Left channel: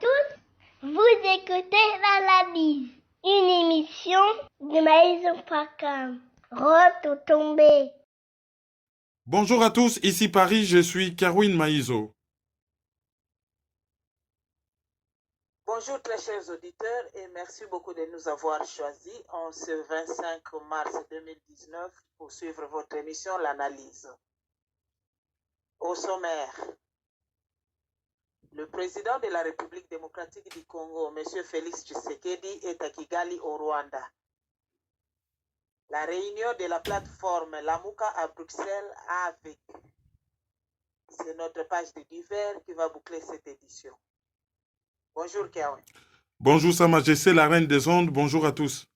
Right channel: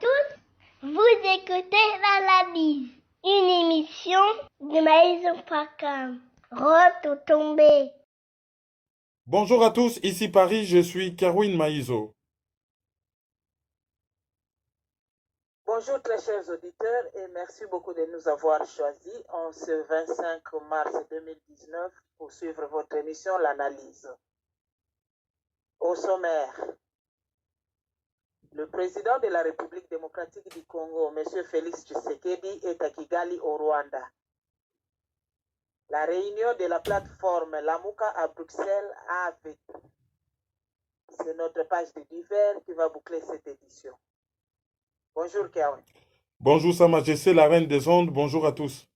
tous, vous écoutez l'analyse, une émission de Maïso Pakam. Retombé. Bonjour à tous, ici Paris, je suis Kerwin Maïzo. Bonjour très chers auditeurs et merci beaucoup de nous avoir choisis en ce 25 mars 2019 pour suivre votre émission L'Analyse. Au sommaire, le président de la République démocratique du Congo, M. Félix Tshisekedi, est à Kigali au Rwanda. La réunion de la plateforme Lamuka à Bruxelles avec. C'est notre page de divers qui va boucler cette édition. Bonjour Kerwin. Bonjour Sa Majesté, la Reine des Ondes, bonjour à tous.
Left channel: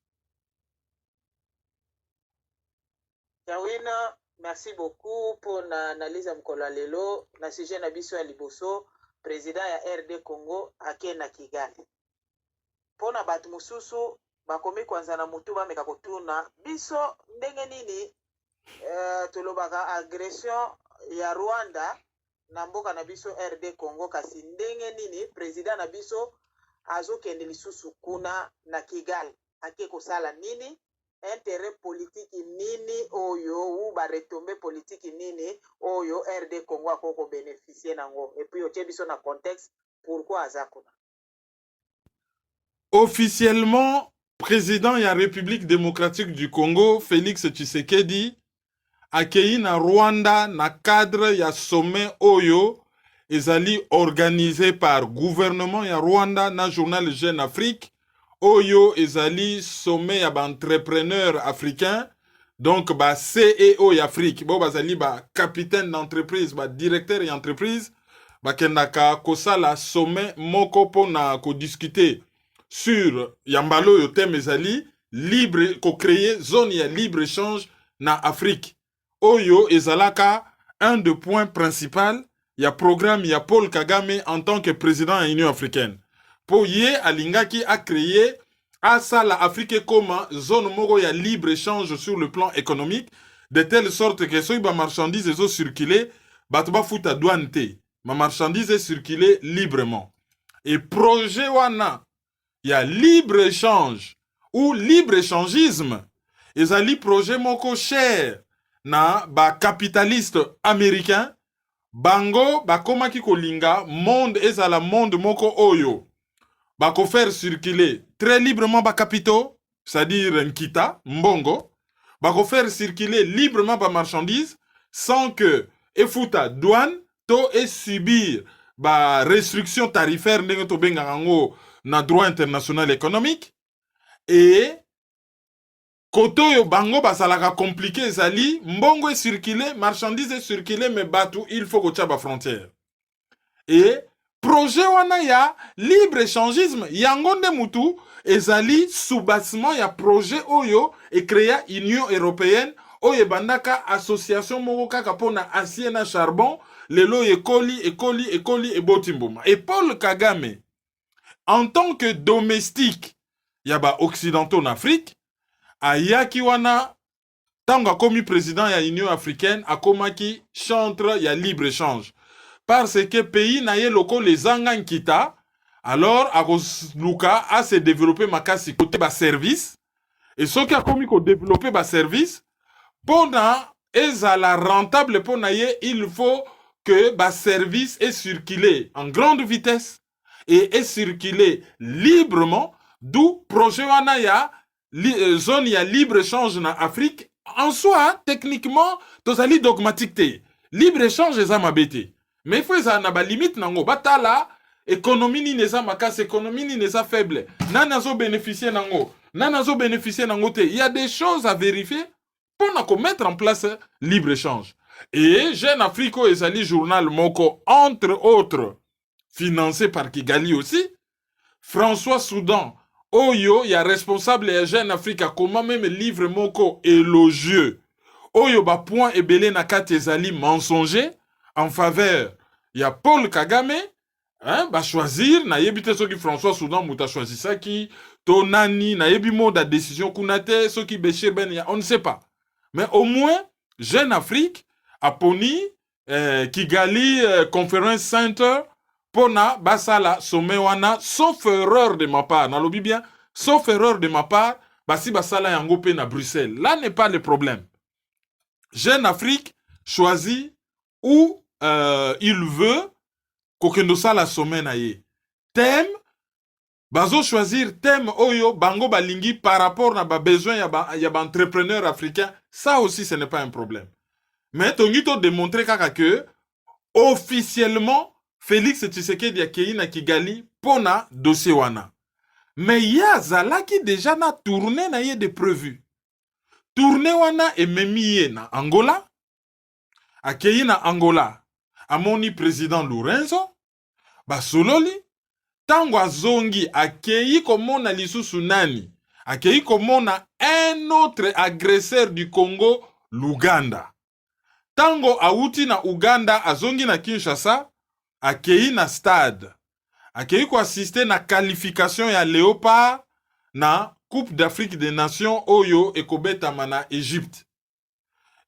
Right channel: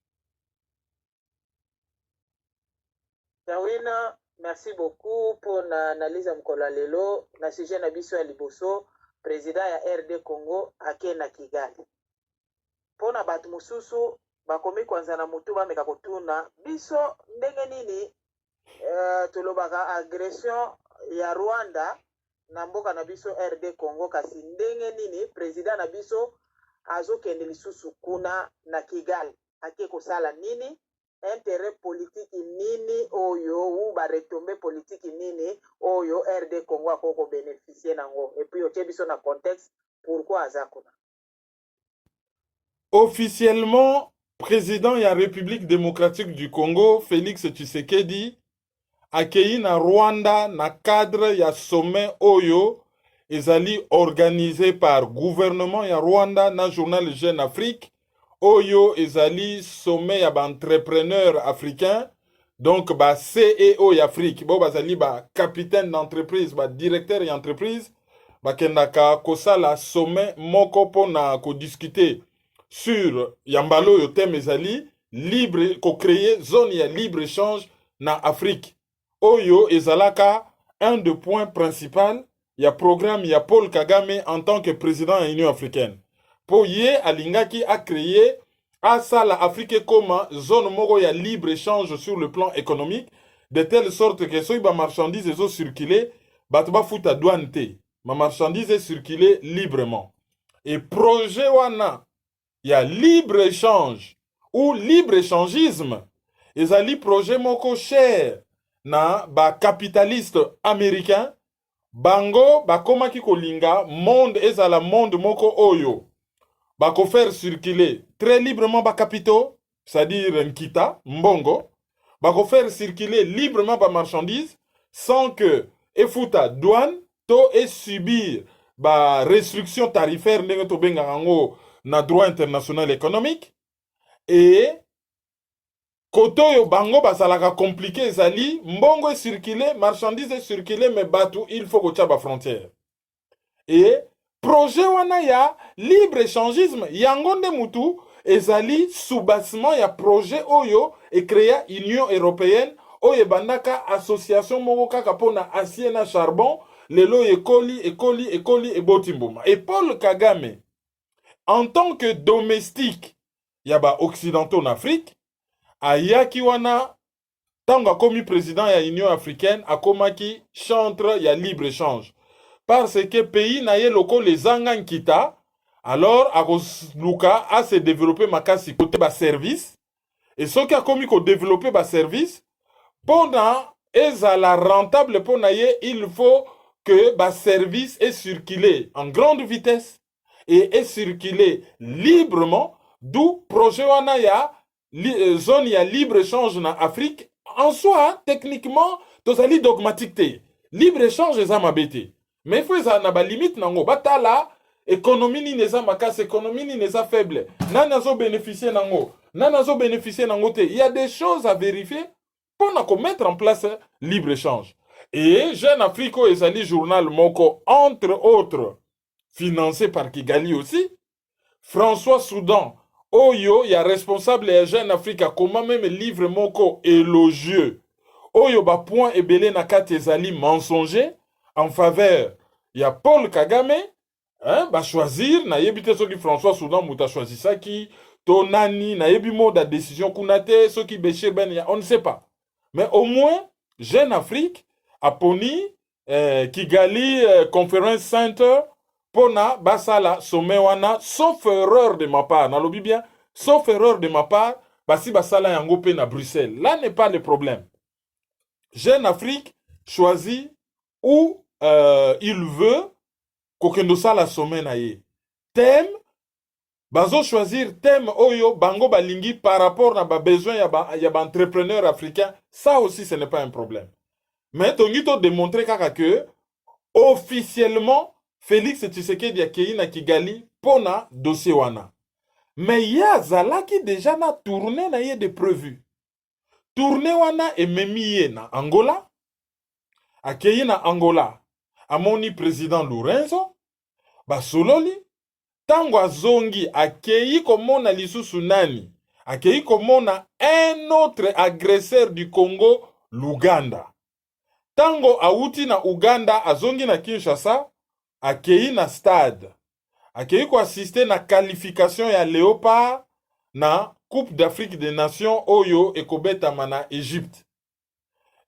Kerwin, merci beaucoup pour l'analyse mkola lelo na sujet na biso ya liboso président ya RD Congo ake na Kigali. Pona batu mususu bakomi kwanza na mutu bameka kotuna biso ndenge nini tolobaka agression ya Rwanda na mboka na biso RD Congo kasi ndenge nini président na biso azokende lisusu kuna na Kigali ake kosala nini intérêt politique nini oyo ou ba retombée politique nini oyo RD Congo akoko bénéficier nango et puis otie biso na contexte pourquoi azakuna. Officiellement, président de la République démocratique du Congo, Félix Tshisekedi, accueilli na Rwanda na cadre ya sommet Oyo, ezali organisé par gouvernement ya Rwanda na journal Jeune Afrique. Oyo ezali sommet ya ba entrepreneur africain, donc ba CEO ya Afrique, bo bazali ba capitaine d'entreprise, ba directeur d'entreprise, ba kendaka kosala sommet moko pona ko discuter sur yambalo yo thème ezali libre ko créer zone ya libre échange na Afrique. Oyo ezalaka un des points principaux ya programme ya Paul Kagame en tant que président de l'Union africaine. Pour ye alingaki a créé à ça la Afrique comme zone moko ya libre échange sur le plan économique, de telle sorte que si ba marchandises zo circuler, batu ba futa douane te, ma marchandise circuler librement. Et projet wana ya libre échange ou libre échangisme, ezali projet moko cher na ba capitaliste américain, bango bakomaki kolinga monde ezala monde moko oyo bako faire circuler très librement ba capitaux, c'est-à-dire nkita, mbongo, bako faire circuler librement ba marchandises sans que efuta douane to et subir ba restriction tarifaire ndenge to benga ngo na droit international économique. Et koto yo bango basalaka compliqué ezali mbongo circuler, marchandise circuler, mais batu il faut ko tchaba frontière. Et projet wana ya libre échangisme yango nde mutu ezali soubassement ya projet oyo e créa Union européenne oyo bandaka association moko kaka pona acier na charbon lelo ekoli e botimboma. Et Paul Kagame en tant que domestique yaba occidentaux en Afrique ayaki wana tanga komi président ya Union africaine akomaki chantre ya libre échange. Parce que pays na ye loko les angan kita, alors Luka a se développé makasi côté ba service, et ce qui a commis ko développer ba service, pona ezala rentable pona ye, il faut que ba service est circulé en grande vitesse et est circulé librement, d'où projet wana ya zone ya libre échange na Afrique. En soi, techniquement, tozali dogmatique te. Libre échange eza mabete. Mais il faut que na ba limite nango batala économie ni neza makas, économie ni neza faible. Nanazo bénéficier nango. Nanazo bénéficier nango te. Il y a des choses à vérifier pour mettre en place libre échange. Et Jeune Afrique ezali journal moko entre autres financé par Kigali aussi. François Soudan Oyo ya responsable ya Jeune Afrique comment même livre moko élogieux. Oyo ba point ebele na kati ezali mensonger en faveur ya Paul Kagame, hein, ba choisir na yebite soki François Soudan muta choisi saki to nani na yebi moda décision kunate soki Béchir Ben ya, on ne sait pas. Mais au moins Jeune Afrique a poni Kigali Conference Center pona basala sommet wana, sauf erreur de ma part, nalobi bien, sauf erreur de ma part, basi basala yango pe na Bruxelles. Là n'est pas le problème. Jeune Afrique choisit où il veut kokendo sala sommet na ye. Thème, bazo choisir thème oyo bango balingi par rapport na ba besoin ya ba entrepreneur africain. Ça aussi ce n'est pas un problème. Mais tongito démontrer kaka que officiellement Félix Tshisekedi akei na Kigali pona dossier wana. Mais ya zalaki déjà na tourné na ye de prévu. Tourné wana ememi ye na Angola. Akei na Angola. Amoni président Lorenzo. Basololi. Tango azongi akei komona lisusu nani. Akei komona un autre agresseur du Congo, l'Ouganda. Tango auti na Uganda azongi na Kinshasa, akei na stade. Akei ko assister na qualification ya Léopard na Coupe d'Afrique des Nations oyo ekobetama na Égypte.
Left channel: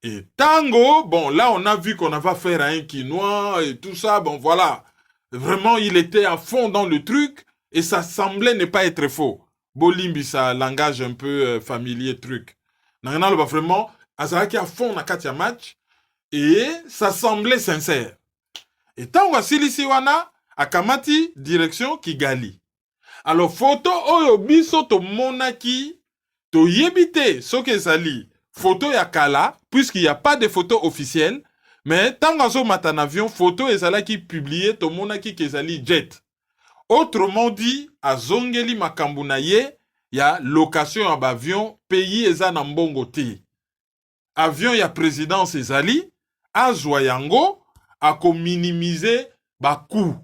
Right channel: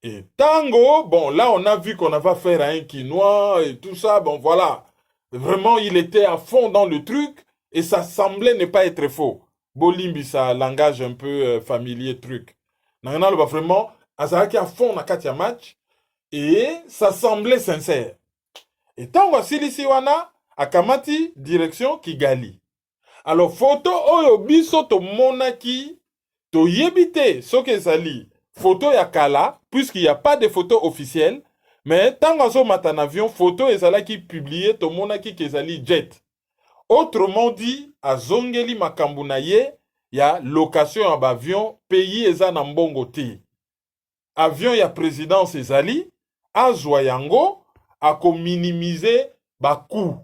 Et tango, bon là on a vu qu'on va faire un quinoa et tout ça, bon voilà. Vraiment il était à fond dans le truc et ça semblait ne pas être faux. Bolimbi ça langage un peu familier truc. Nana va vraiment azalaki à fond na katia match. Et ça semblait sincère. Et tant que silisi wana, akamati direction Kigali. Alors, photo oyo biso to monaki, to yebite, soke zali, photo ya kala, puisqu'il n'y a pas de photo officielle, mais tant que zo matan avion, photo ezala qui publié, to monaki kezali jet. Autrement dit, a zongeli makambu na ye, ya location ya avion, pays eza na mbongo te. Avion ya présidence ezali, azwa yango ako minimiser ba coût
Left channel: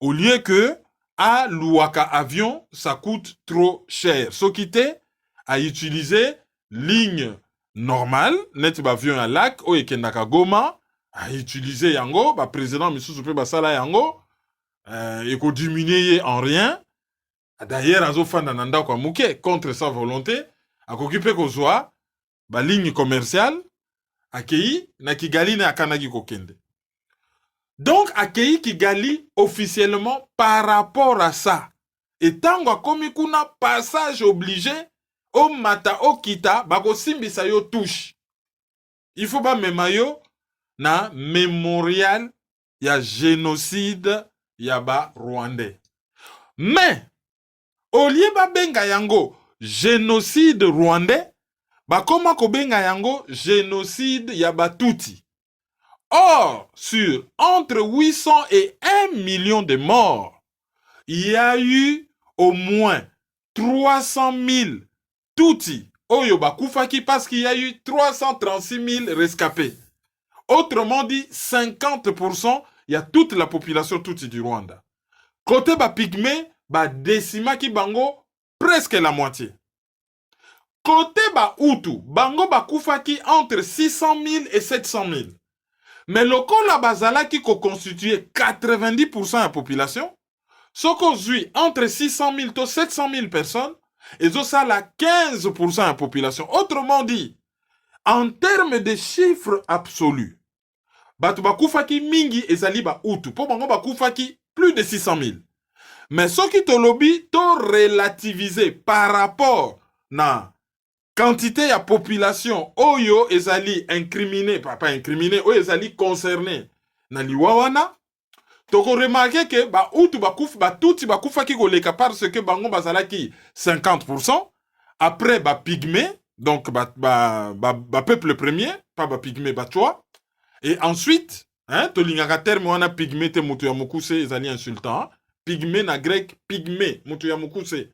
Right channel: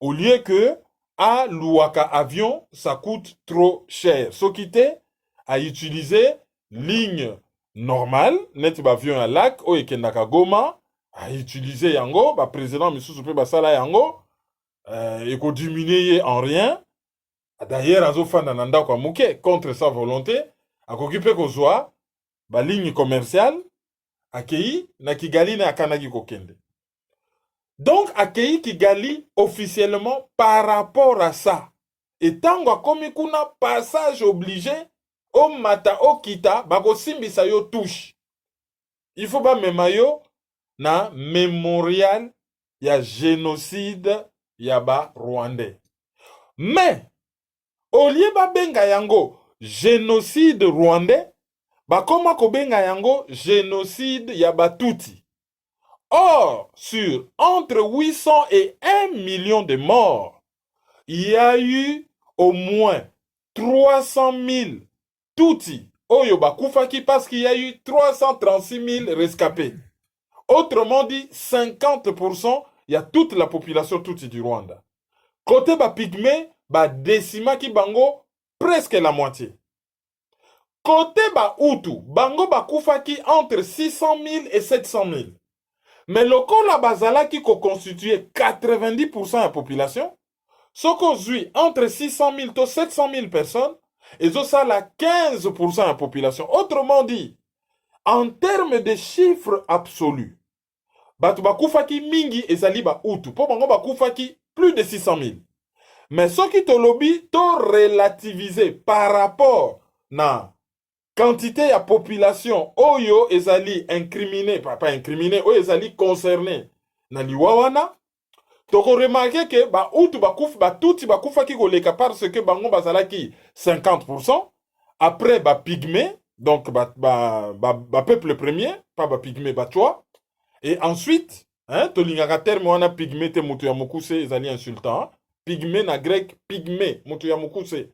au lieu que a louaka avion ça coûte trop cher. So kite a utiliser ligne normale net ba avion à lac o ekendaka Goma a utiliser yango ba président misusu pe basala yango eko diminuer en rien. D'ailleurs azo fanda na ndako muke contre sa volonté akoki pe kozwa ba ligne commerciale akei na Kigali na akanaki kokende. Donc akei Kigali officiellement par rapport à ça. Et tango akomi kuna passage obligé o mata o kita bako simbisa yo touche. Il faut pas mema yo na mémorial ya génocide ya ba Rwandais. Mais au lieu ba benga yango génocide rwandais bakoma kobenga yango génocide ya Batuti. Or, sur entre 800 et 1 million de morts, il y a eu au moins 300 000 Tutsi oyo bakufaki parce qu'il y a eu 336 000 rescapés. Autrement dit, 50%, il y a toute la population Tutsi du Rwanda. Côté ba pygmée, ba décima ki bango presque la moitié. Côté ba Hutu, bango bakufaki entre 600 000 et 700 000. Mais le la bazala qui constitue 90% de la population, ce qu'on suit entre 600 000 et 700 000 personnes, et ça la 15% de la population. Autrement dit, en termes de chiffres absolus, batu bakufaki mingi ezali ba Hutu, po bango bakufaki plus de 600 000. Mais ce qui te lobby, to relativisé par rapport na quantité de population oyo ezali incriminé, pas incriminé, oyo ezali concerné na liwawana, toko remarqué que ba Hutu bakuf ba Tutsi bakufaki koleka parce que bango bazalaki 50%, après ba pygmée, donc ba peuple premier, pas ba pygmée ba toi, et ensuite, hein, to lingaka terme wana pygmée te mutu ya mukuse ezali insultant, pygmée na grec pygmée mutu ya mukuse,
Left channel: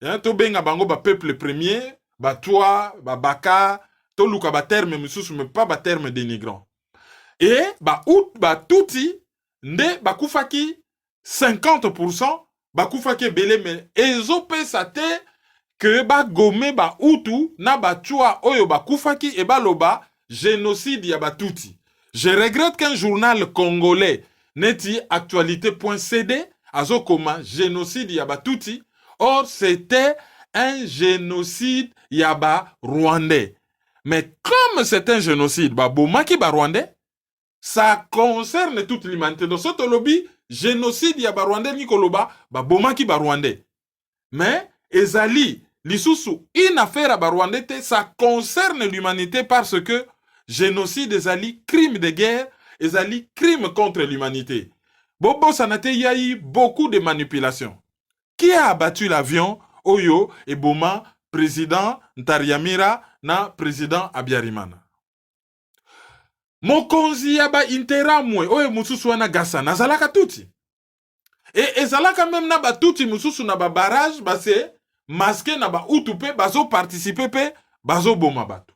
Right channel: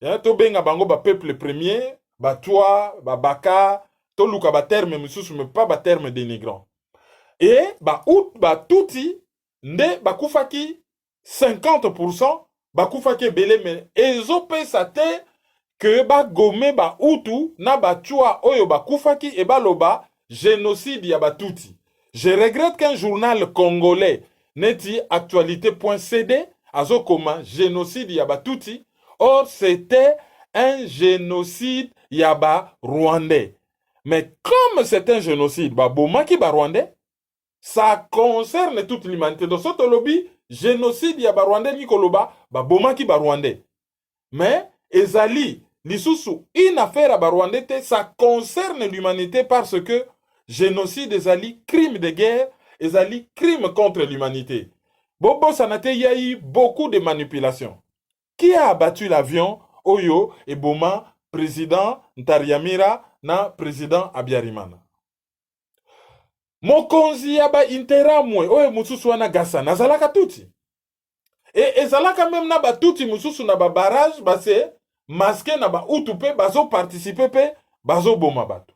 hein, to benga bango ba peuple premier, ba toi, ba baka, to luka ba terme mususu mais pas ba terme dénigrant. Et ba out ba Tutsi nde bakufaki 50%, bakufaki belé mais ezopesa te que ba gome ba Hutu na ba tua oyo bakufaki e ba loba génocide ya ba Tutsi. Je regrette qu'un journal congolais neti actualité.cd azokoma génocide ya ba Tutsi. Or c'était un génocide yaba rwandais. Mais comme c'est un génocide ba bomaki ba rwandais, ça concerne toute l'humanité. Donc ce lobby génocide ya Barwandais Nikoloba, bomaki Barwandais. Mais, ezali, lisusu, une affaire à Barwandais, ça concerne l'humanité parce que génocide, ezali, crime de guerre, ezali, crime contre l'humanité. Bobo Sanate, il y a eu beaucoup de manipulations. Qui a abattu l'avion Oyo et Boma, président Ntariamira, na président Abiyarimana? Mokonzi yaba interamwe, oyo mususu wana gasa, nazalaka tuti. Et ezalaka même na ba tuti mususu na ba barrage, base masqué na ba utupe, bazo participer pe, bazo boma bato.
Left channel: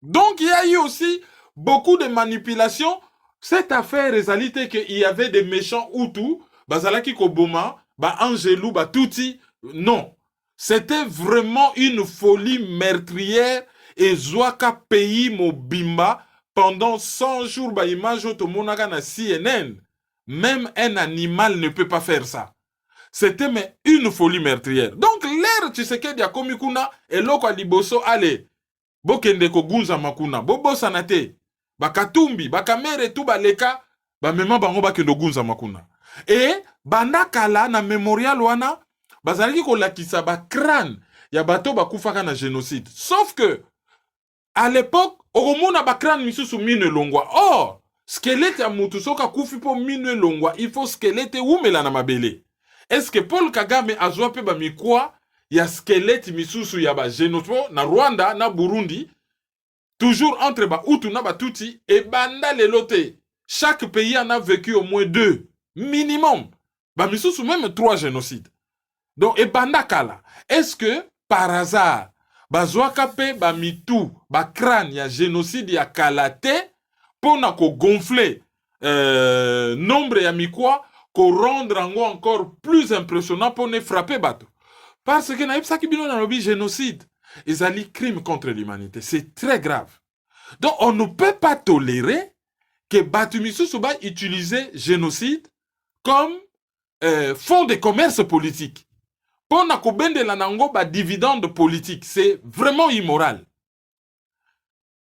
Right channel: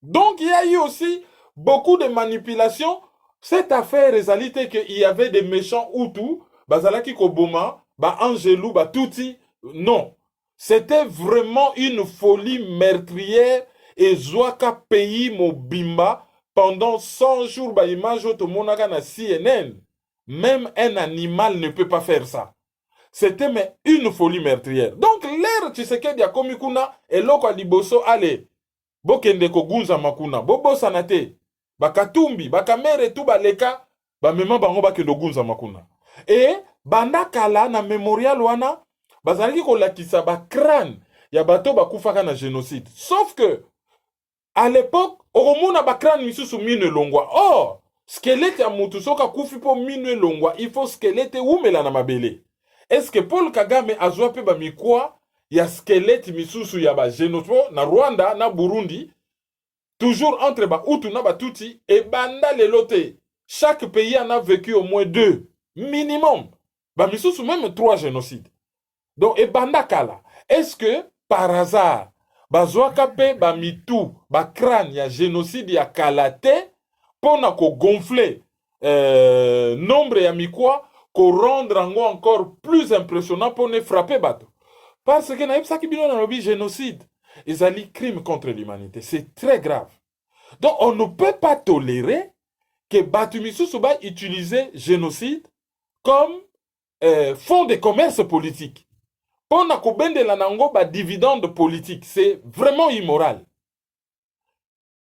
Donc il y a eu aussi beaucoup de manipulations. Cette affaire ezalite que il y avait des méchants Hutus, bazalaki ko boma, ba Angelou, ba tuti. Non. C'était vraiment une folie meurtrière et Zouaka pays Mobimba. Pendant 100 jours, bah, image automonaka na CNN. Même un animal ne peut pas faire ça. C'était mais une folie meurtrière. Donc, l'air Tshisekedi ya komikuna, eloko liboso, allez, bokende ko gunza makuna, bobo sanate, bakatumbi, bakamere tout baleka, ba mema bango bakendo gunza makuna. Et, bandakala na memorial wana, bazalaki ko lakisa ba crâne, ya bato bakufaka na génocide. Sauf que, à l'époque, Oromona bakran misusu mine longwa. Or, squelette ya mutu soka kufi po mine longwa, il faut squelette umela na mabele. Est-ce que Paul Kagame azwa pe ba mikwa ya squelette misusu ya ba génocide na Rwanda na Burundi, toujours entre ba Hutu na ba Tutsi, et banda lelote. Chaque pays en a vécu au moins 2 minimum. Ba misusu même 3 génocides. Donc, et banda kala. Est-ce que par hasard bazwaka pe ba mitu ba crâne ya génocide ya kalate pona ko gonfler nombre ya mikwa ko rendre ango encore plus impressionnant pour ne frapper bato parce que na yebisa ki bino na lobi génocide ezali crime contre l'humanité, c'est très grave. Donc on ne peut pas tolérer que batu misusu ba utiliser génocide comme fonds de commerce politique. Pour na kobendela nango ba dividende politique, c'est vraiment immoral.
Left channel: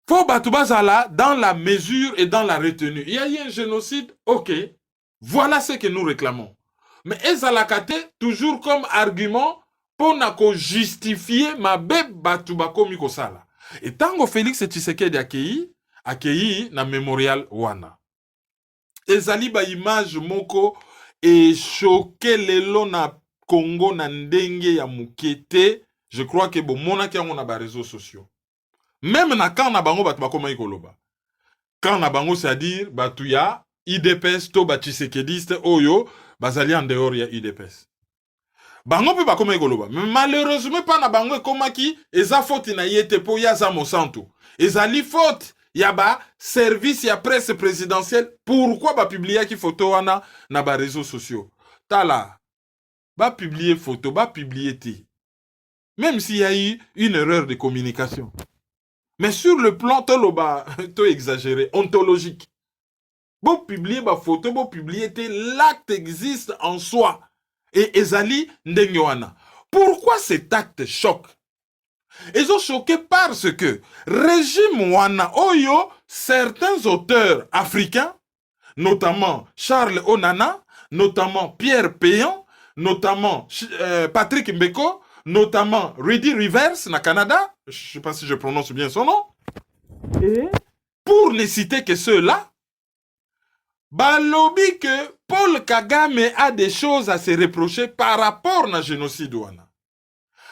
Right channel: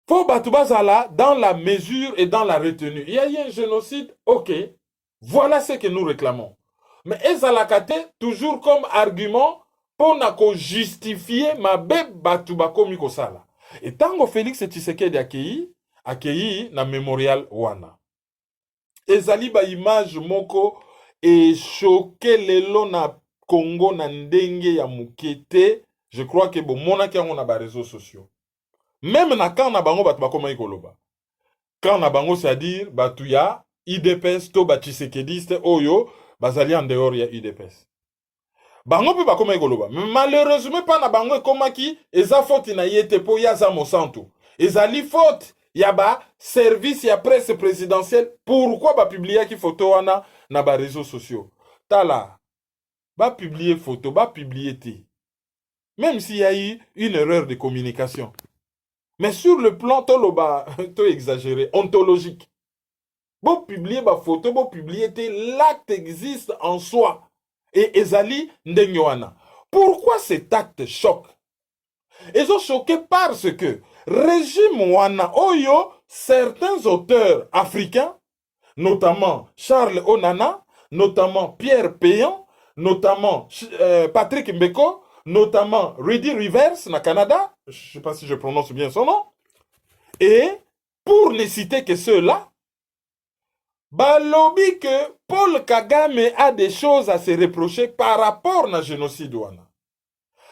Faut batubazala dans la mesure et dans la retenue. Il y a eu un génocide, ok. Voilà ce que nous réclamons. Mais ezalakate toujours comme argument pour na ko justifier ma be batubako mikosala. Et tango Félix Tshisekedi akei na memorial wana. Ezali ba image moko et choqué lelo na Congo na ndenge ya mukete, je crois que bon mona ki on a ba réseaux sociaux. Même na kan na bango batu bakoma ikoloba. Kan na bango c'est-à-dire batu ya IDPS to ba Tshisekediste oyo bazali en dehors ya IDPS. Bango pe bakoma ikoloba. Malheureusement pas na bango komaki eza faute na yete po ya za mosanto. Ezali faute ya ba service ya presse présidentielle. Pourquoi ba publier ki photo wana na ba réseaux sociaux? Tala va publier photo, va publier té. Même s'il y a eu une erreur de communication. Mais sur le plan, to exagéré, ontologique. Bon publier ma photo, bon publier té, l'acte existe en soi. Et ezali ndengwana. Pourquoi cet acte choque? Ils sont choqués parce que régime wana oyo, certains auteurs africains, notamment Charles Onana, notamment Pierre Péan, notamment Patrick Mbeko, notamment Rudy Rivers na Canada, je ne sais pas si je prononce bien son nom, et pour ne citer que ceux-là, balobi que Paul Kagame a des choses à se reprocher par rapport au génocide wana.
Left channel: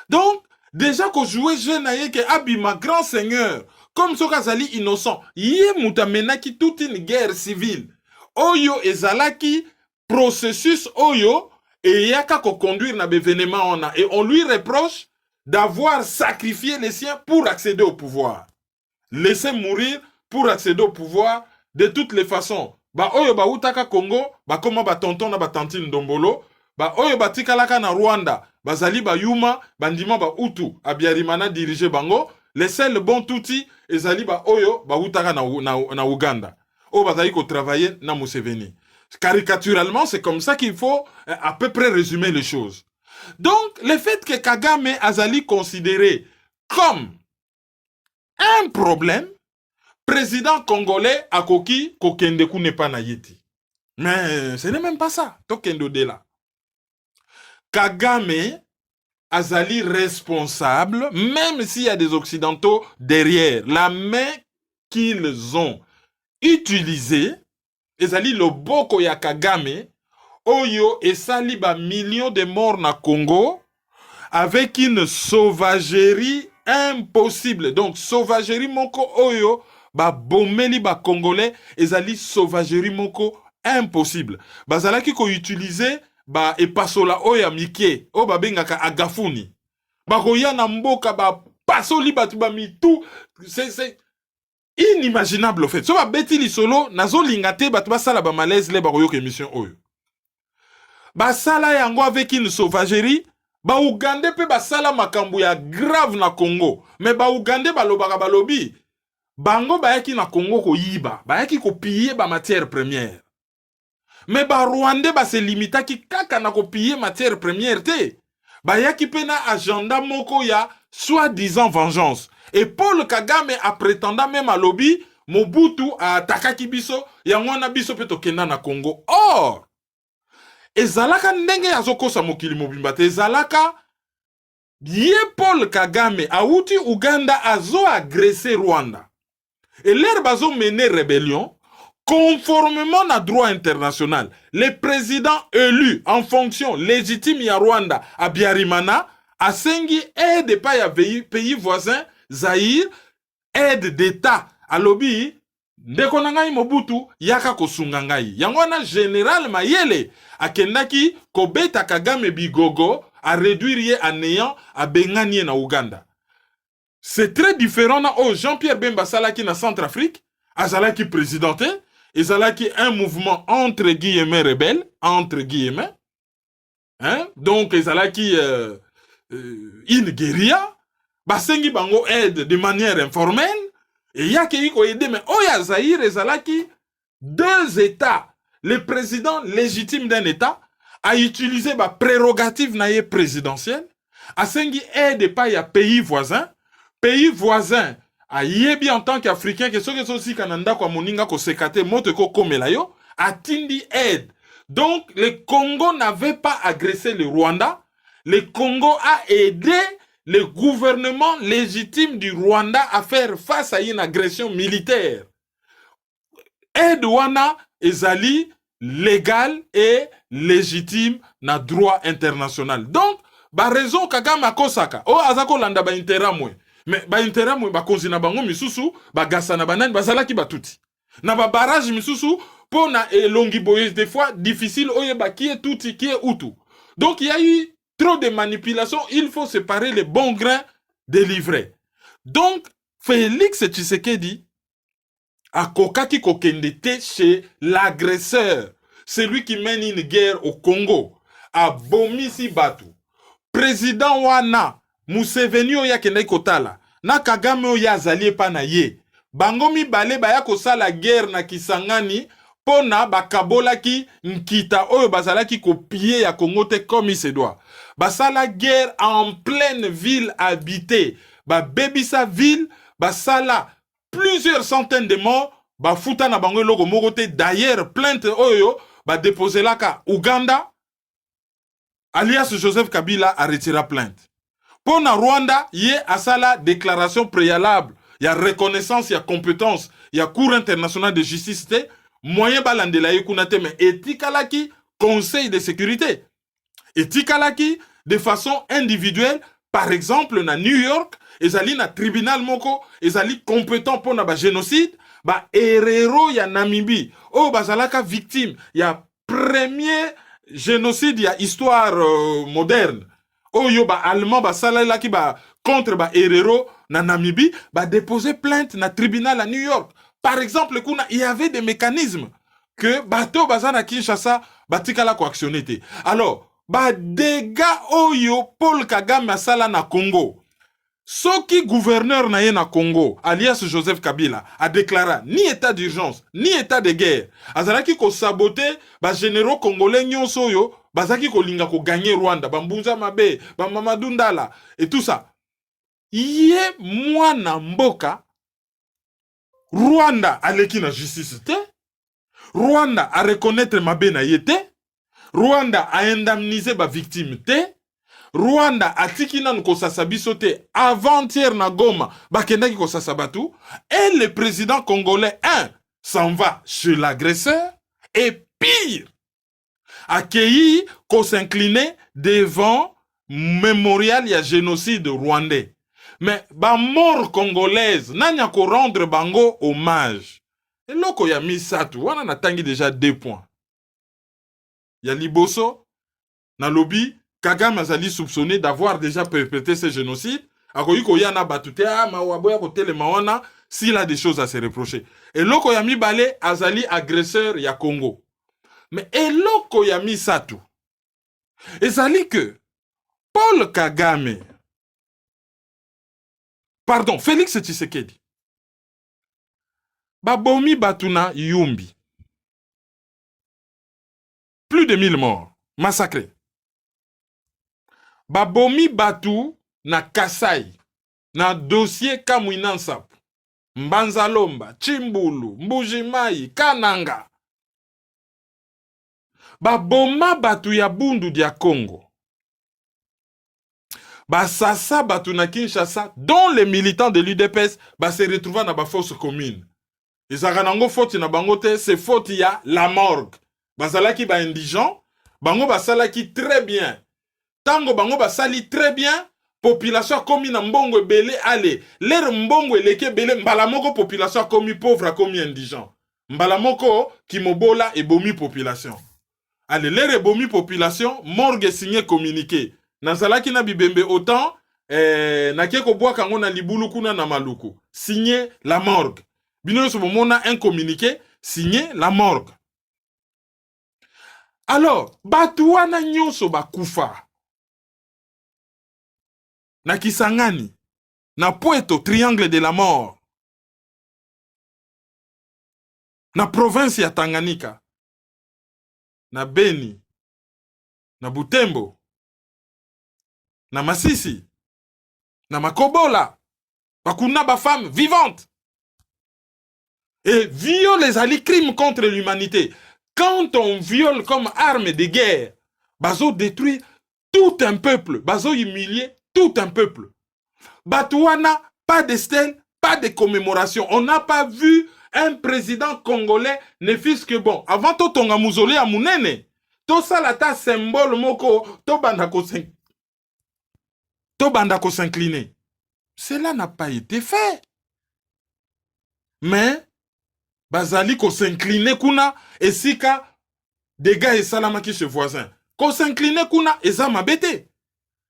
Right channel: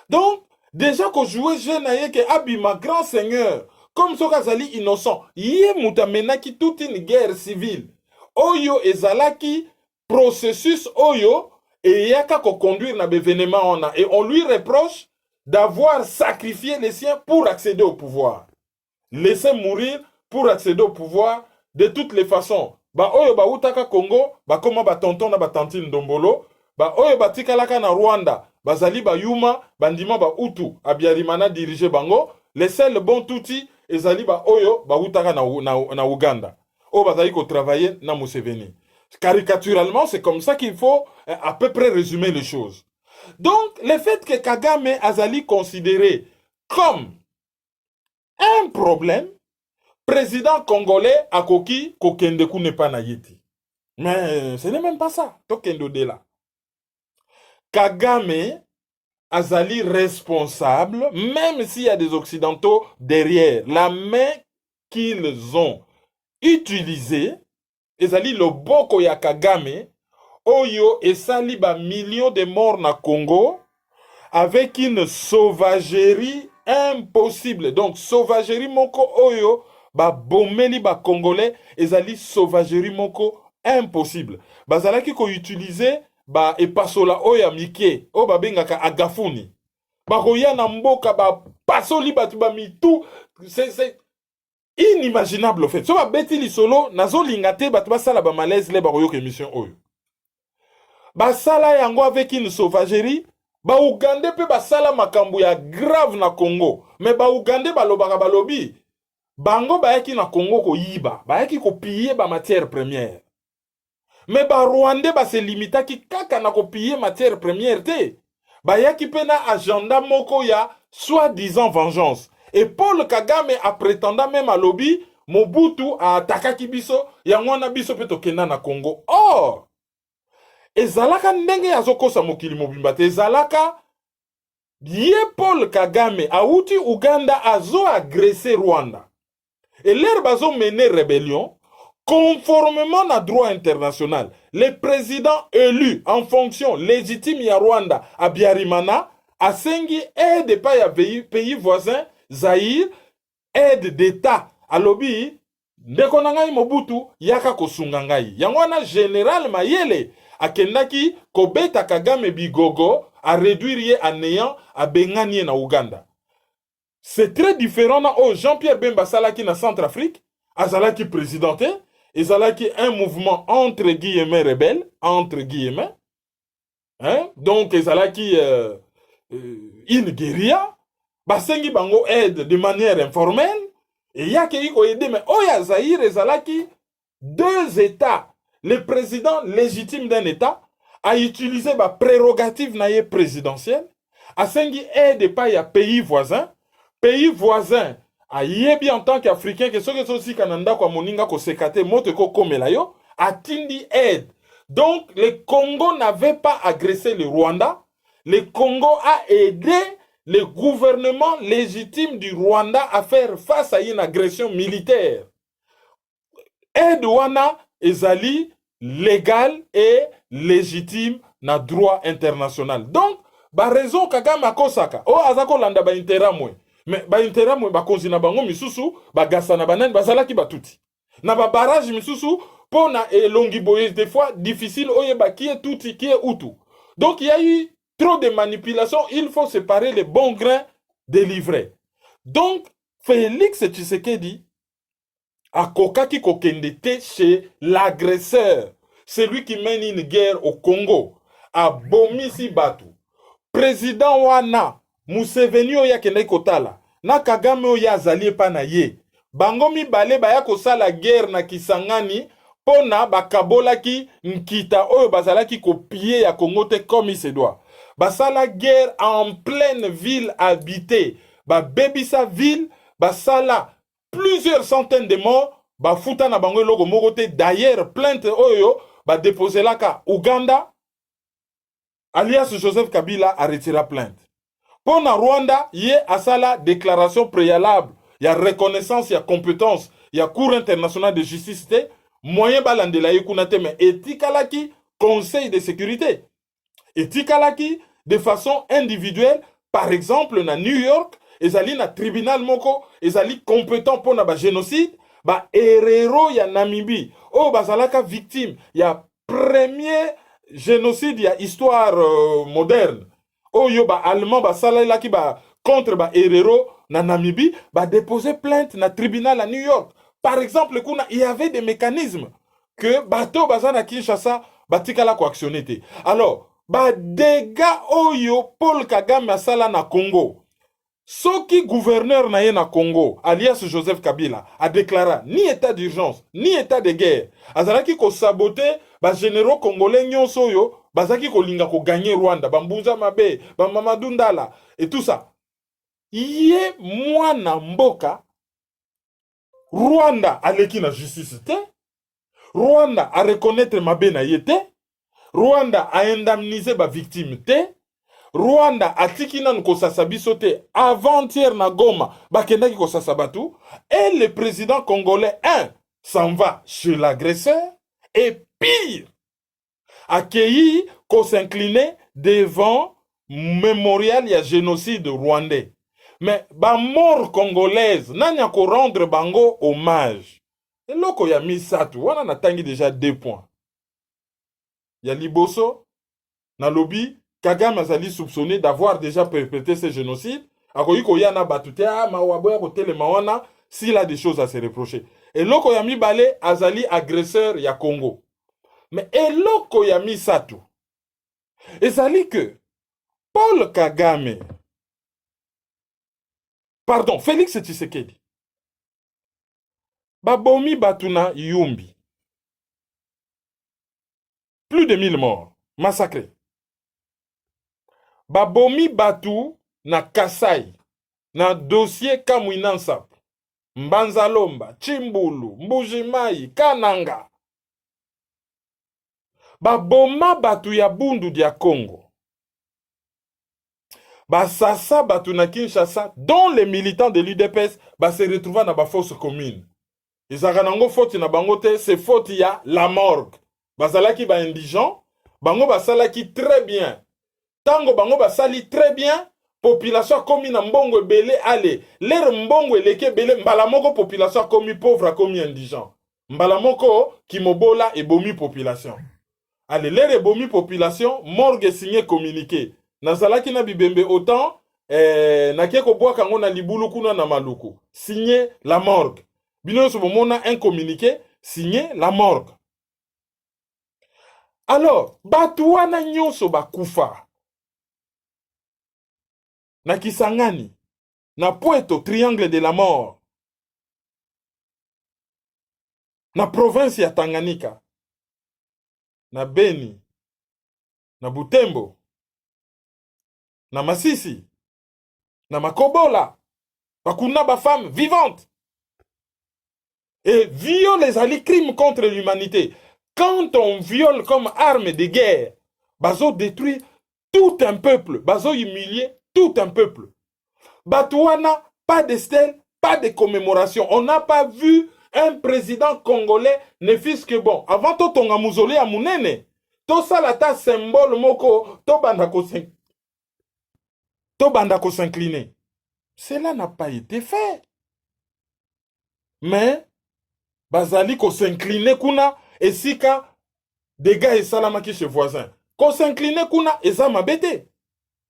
Donc, déjà qu'on jouait jeune que Abima, grand seigneur, comme Sokazali innocent, yé moutamena qui toute une guerre civile, oyo ezalaki processus oyo, et yaka ko conduire na l'événement on a, et on lui reproche d'avoir sacrifié les siens pour accéder au pouvoir. Laisser mourir pour accéder au pouvoir de toutes les façons. Ba oyo ba utaka Congo, ba koma ba tonton na ba tantine Ndombolo, ba oyo ba tikalaka na Rwanda, ba zali ba yuma, bandima ba utu, Abiyarimana dirige bango, les seuls bons touti, ezali ba oyo ba utaka na Uganda. O ba zali ko travailler na Museveni. Caricaturalement, c'est comme ça qu'il faut à peu près résumer les choses. Donc, le fait que Kagame Azali considéré comme un problème, président congolais Akoki Kokendeku n'est pas naïti. Mais ce n'est même pas ça. Tokendo de là. Kagame azali responsable, même s'il y a des Occidentaux derrière. La main qu'ils ont utilisée, ezali loboko ya Kagame, oyo esali ba millions de morts na Congo, avec une sauvagerie impossible. Donc, sauvagerie moko oyo, ba bomeli ba Congolais, ezali sauvagerie moko impossible. Bazalaki ko utiliser ba epasola oya mike, o ba bengaka agafuni. Ba koya na mboka ba pasoli batu ba mitu, c'est inimaginable en fait. So ba beti li solo, nazo lingate batu ba sala ba malaise le ba koyo ke mission oyo. Ba sala yango avec une sauvagerie, ba Ougandais pe ba sala makambo ya grave na Congo. Mais ba Ougandais ba lobaka ba lobi, bango ba yaki na Congo ko yiba, ba yaki ko piller ba matière première. Mais ba Rwandais ba se limita ki kaka na ko piller matière première te. Ba yaki pe na agenda moko ya soi-disant vengeance. Et Paul Kagame a prétendant même à lobby, Mobutu a attaqué biso, yango na biso pe tokenda na Congo. Or, ezalaka ndenge azokosa mokili mobimba te, ezalaka ye Paul Kagame auti Uganda azo agressé Rwanda. Et l'air bazo mené rébellion conformément à droit international. Les présidents élus en fonction légitime ya Rwanda à Biarimana a sengi aide pas ya pays voisin Zaïre, aide d'État à lobby ndeko na ngai Mobutu yaka kosunga ngai. Yango wana général Mayele akendaki kobeta Kagame bigogo a réduire ye à néant a benganie na Uganda. C'est très différent na Jean-Pierre Bemba salaki na Centrafrique, azalaki présidenté, ezalaki un mouvement entre guillemets rebelle, entre guillemets. Hein? Donc ezalaki une guérilla, basengi bango aide de manière informelle, et yake yiko aide, mais oya Zaïre ezalaki deux États. Le président légitime d'un État a utilisé ma prérogative naïe présidentielle, a sengi aide pas ya pays voisin a yebi en tant qu'Africain que ceux qui sont aussi Canada kwa moninga ko sekate moto ko komela yo a tindi aide. Donc le Congo n'avait pas agressé le Rwanda, le Congo a aidé le gouvernement légitime du Rwanda à faire face à une agression militaire. Aide wana ezali légal et légitime na droit international. Donc, ba raison Kagame akosaka, o azako landa ba interamwe. Mais ba interamwe ba konzina bango misusu, ba gasa na banane bazalaki batuti. Na ba barrage misusu pona elongi boye des fois difficile oye ba qui est tuti qui est utu. Donc il y a eu trop de manipulations, il faut séparer les bons grains des livrets. Donc Félix Tshisekedi a kokaki kokendete chez l'agresseur, celui qui mène une guerre au Congo, a bomisi batu. Président wana, Museveni oya kende kotala, na Kagame oya azali pa na ye. Bango mibale baya kosala guerre na Kisangani, pona bakabola ki nkita oyo bazalaki kopie ya Congo te comme il se doit. Basala guerre en pleine ville habitée. Bebisa ville, basala plusieurs centaines de morts, bafuta na bango logo mogote. D'ailleurs, plainte oyo, déposé la ka Uganda, alias Joseph Kabila a retiré plainte. Pour na Rwanda, yé asala déclaration préalable, il y a reconnaissance, il y a compétence, il y a cour international de justice, moyen balandela yekunate, mais etikalaki, conseil de sécurité. Etikalaki, de façon individuelle, par exemple, na New York, ezali na tribunal moko, ezali compétent pour na ba génocide, ba Herero ya Namibie, oh bazalaka victime, ya premier génocide ya histoire moderne. Oh yo ba allemand ba salala ki ba contre ba Herero na Namibie, ba déposer plainte na tribunal à New York. Par exemple, il y avait des mécanismes que bateau bazana Kinshasa batikala ko actionné. Alors, ba dégâts oyo Paul Kagame asala na Congo. Soki gouverneur na ye na Congo, alias Joseph Kabila, a déclaré ni état d'urgence, ni état de guerre. Azalaki ko saboter ba généraux congolais nyonso yo, bazaki ko linga ko gagner Rwanda, Bambunza Mabe, Mamadou Ndala et tout ça. Yé mwana mboka Rwanda aleki na justice te. Rwanda a reconnaître mabe na yete. Rwanda a indemnisé ba victime te. Rwanda a tiki nan kosasa biso te avant-hier na Goma bakendaki kosasa batu. Et le président congolais, s'en va chez l'agresseur. Et pire, accueilli qu'on s'inclinait devant mémorial ya génocide rwandais. Mais ba mort congolaise, nanya ko rendre bango hommage. Et loko ya misatu, wana natangi déjà 2 points. Ya liboso, na lobby, Kagame azali soupçonné d'avoir déjà perpétré ce génocide. Akoyi ko yana batute, mawaboya ko telema wana, s'il a des choses à se reprocher. Et loko ya mibale, azali agresseur ya Congo. Mais eloko ya misatu, ezali que Paul Kagame, pardon, Félix Tshisekedi, babomi batuna Yumbi. Plus de 1000 morts, massacrés. Babomi batu na Kasai, na dossier Kamwina Nsapu, Mbanzalomba, Chimbulu, Mbujimai, Kananga. Baboma batu ya Bundu dia Congo. Basasa batu na Kinshasa, dont les militants de l'UDPS se retrouvent dans la fosse commune. Isaganango faute na bangote, c'est faute ya la morgue. Bazalaki ba indigent, bango basalaki très bien. Tango bango basali très bien, population komi na mbongo belé ale. L'air mbongo eleke belé, mbalamoko population komi pauvre, komi indigent. Mbalamoko kimobola et bomi population. Allez, l'air et bomi population, morgue signé communiqué. Nazalaki na bibembe autant, na keko boa kango na libulu kuna na maluku. Signé la morgue. Bino ce moment on a un communiqué, signé la morgue. Alors, batuana nyonso bakufa. Na Kisangani, na Poeto, triangle de la mort. Na province ya Tanganyika, na Beni, na Butembo, na Masisi, na Makobola, bakuna ba femme vivante. Et viole les alliés crimes contre l'humanité. Quand on viole comme arme de guerre, bazo détruit tout un peuple, bazo humilier tout un peuple. Batouana, pas de stèle, pas de commémoration. On n'a pas vu un président congolais, ne fût-ce que bon. Avant tout, on a mausolée à Mounene. Tout ça, là, ta symbole, moko, to bandako s'incliner. Cela n'a pas été fait. Mais, bazali ko s'incliner kuna, et sika, des gars et salamaki chez voisin. Ko s'incliner kuna, et ça m'a bêté.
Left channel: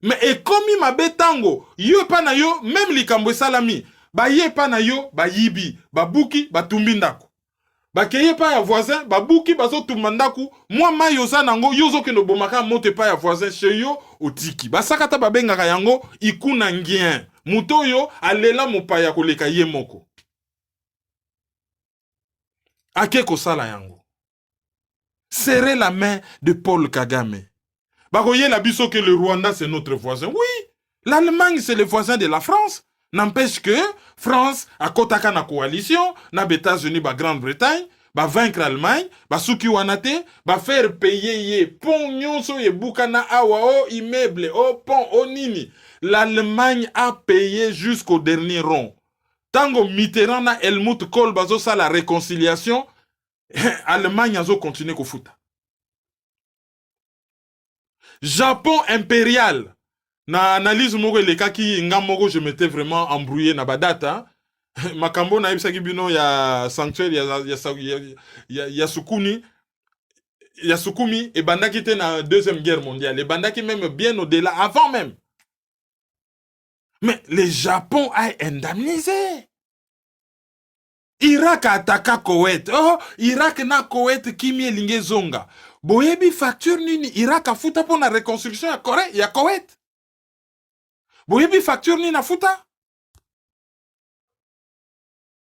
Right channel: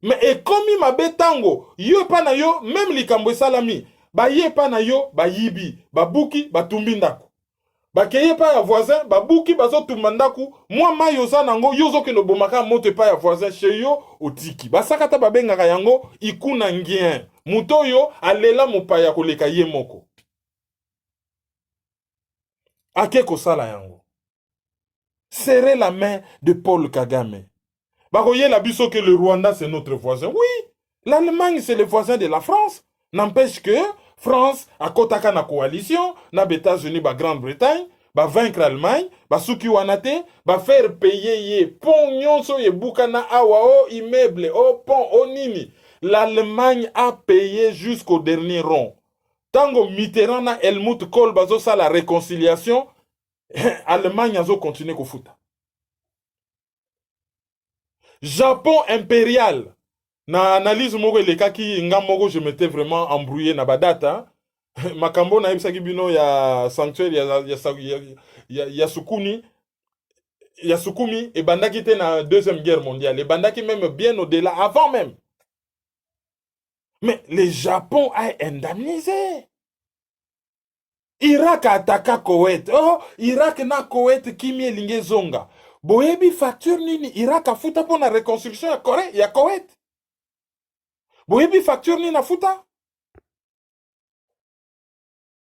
Mais et comme il m'a betango, yo pa na yo, même likambo salami, ba ye pa na yo, ba yibi, ba buki, ba tumbindaku. Ba keye pa ya voisin, ba buki, ba zo tumbandaku, moi ma yo za nango, yo zo ke no bomaka monte pa ya voisin chez yo, otiki. Ba sakata ba bengaka yango, ikuna ngien. Muto yo, alela mupaya koleka ye moko. Ake kosala yango. Serrer la main de Paul Kagame. Baroye la biso que le Rwanda c'est notre voisin. Oui, l'Allemagne c'est le voisin de la France. N'empêche que France a kotaka na coalition, na États-Unis, ba Grande-Bretagne, ba vaincre l'Allemagne, ba souki wanate, ba faire payer ye pont nyonso ye bukana awa o immeuble, o pont o nini. L'Allemagne a payé jusqu'au dernier rond. Tango Mitterrand na Helmut Kohl bazo sa la réconciliation, Allemagne a zo continuer ko futa. Japon impérial. Na analyse moko elekaki nga moko je m'étais vraiment embrouillé na badata. Makambo na ibisaki bino ya sanctuaire ya Sukuni. Ya Sukumi et bandaki te na deuxième guerre mondiale. Et bandaki même bien au-delà, avant même. Mais le Japon a indemnisé. Irak a attaqué Koweït. Oh, Irak na Koweït kimi elinge zonga. Boyebi facture nini Irak a futa pour la reconstruction ya Koweït. Boyebi facture nini a futa.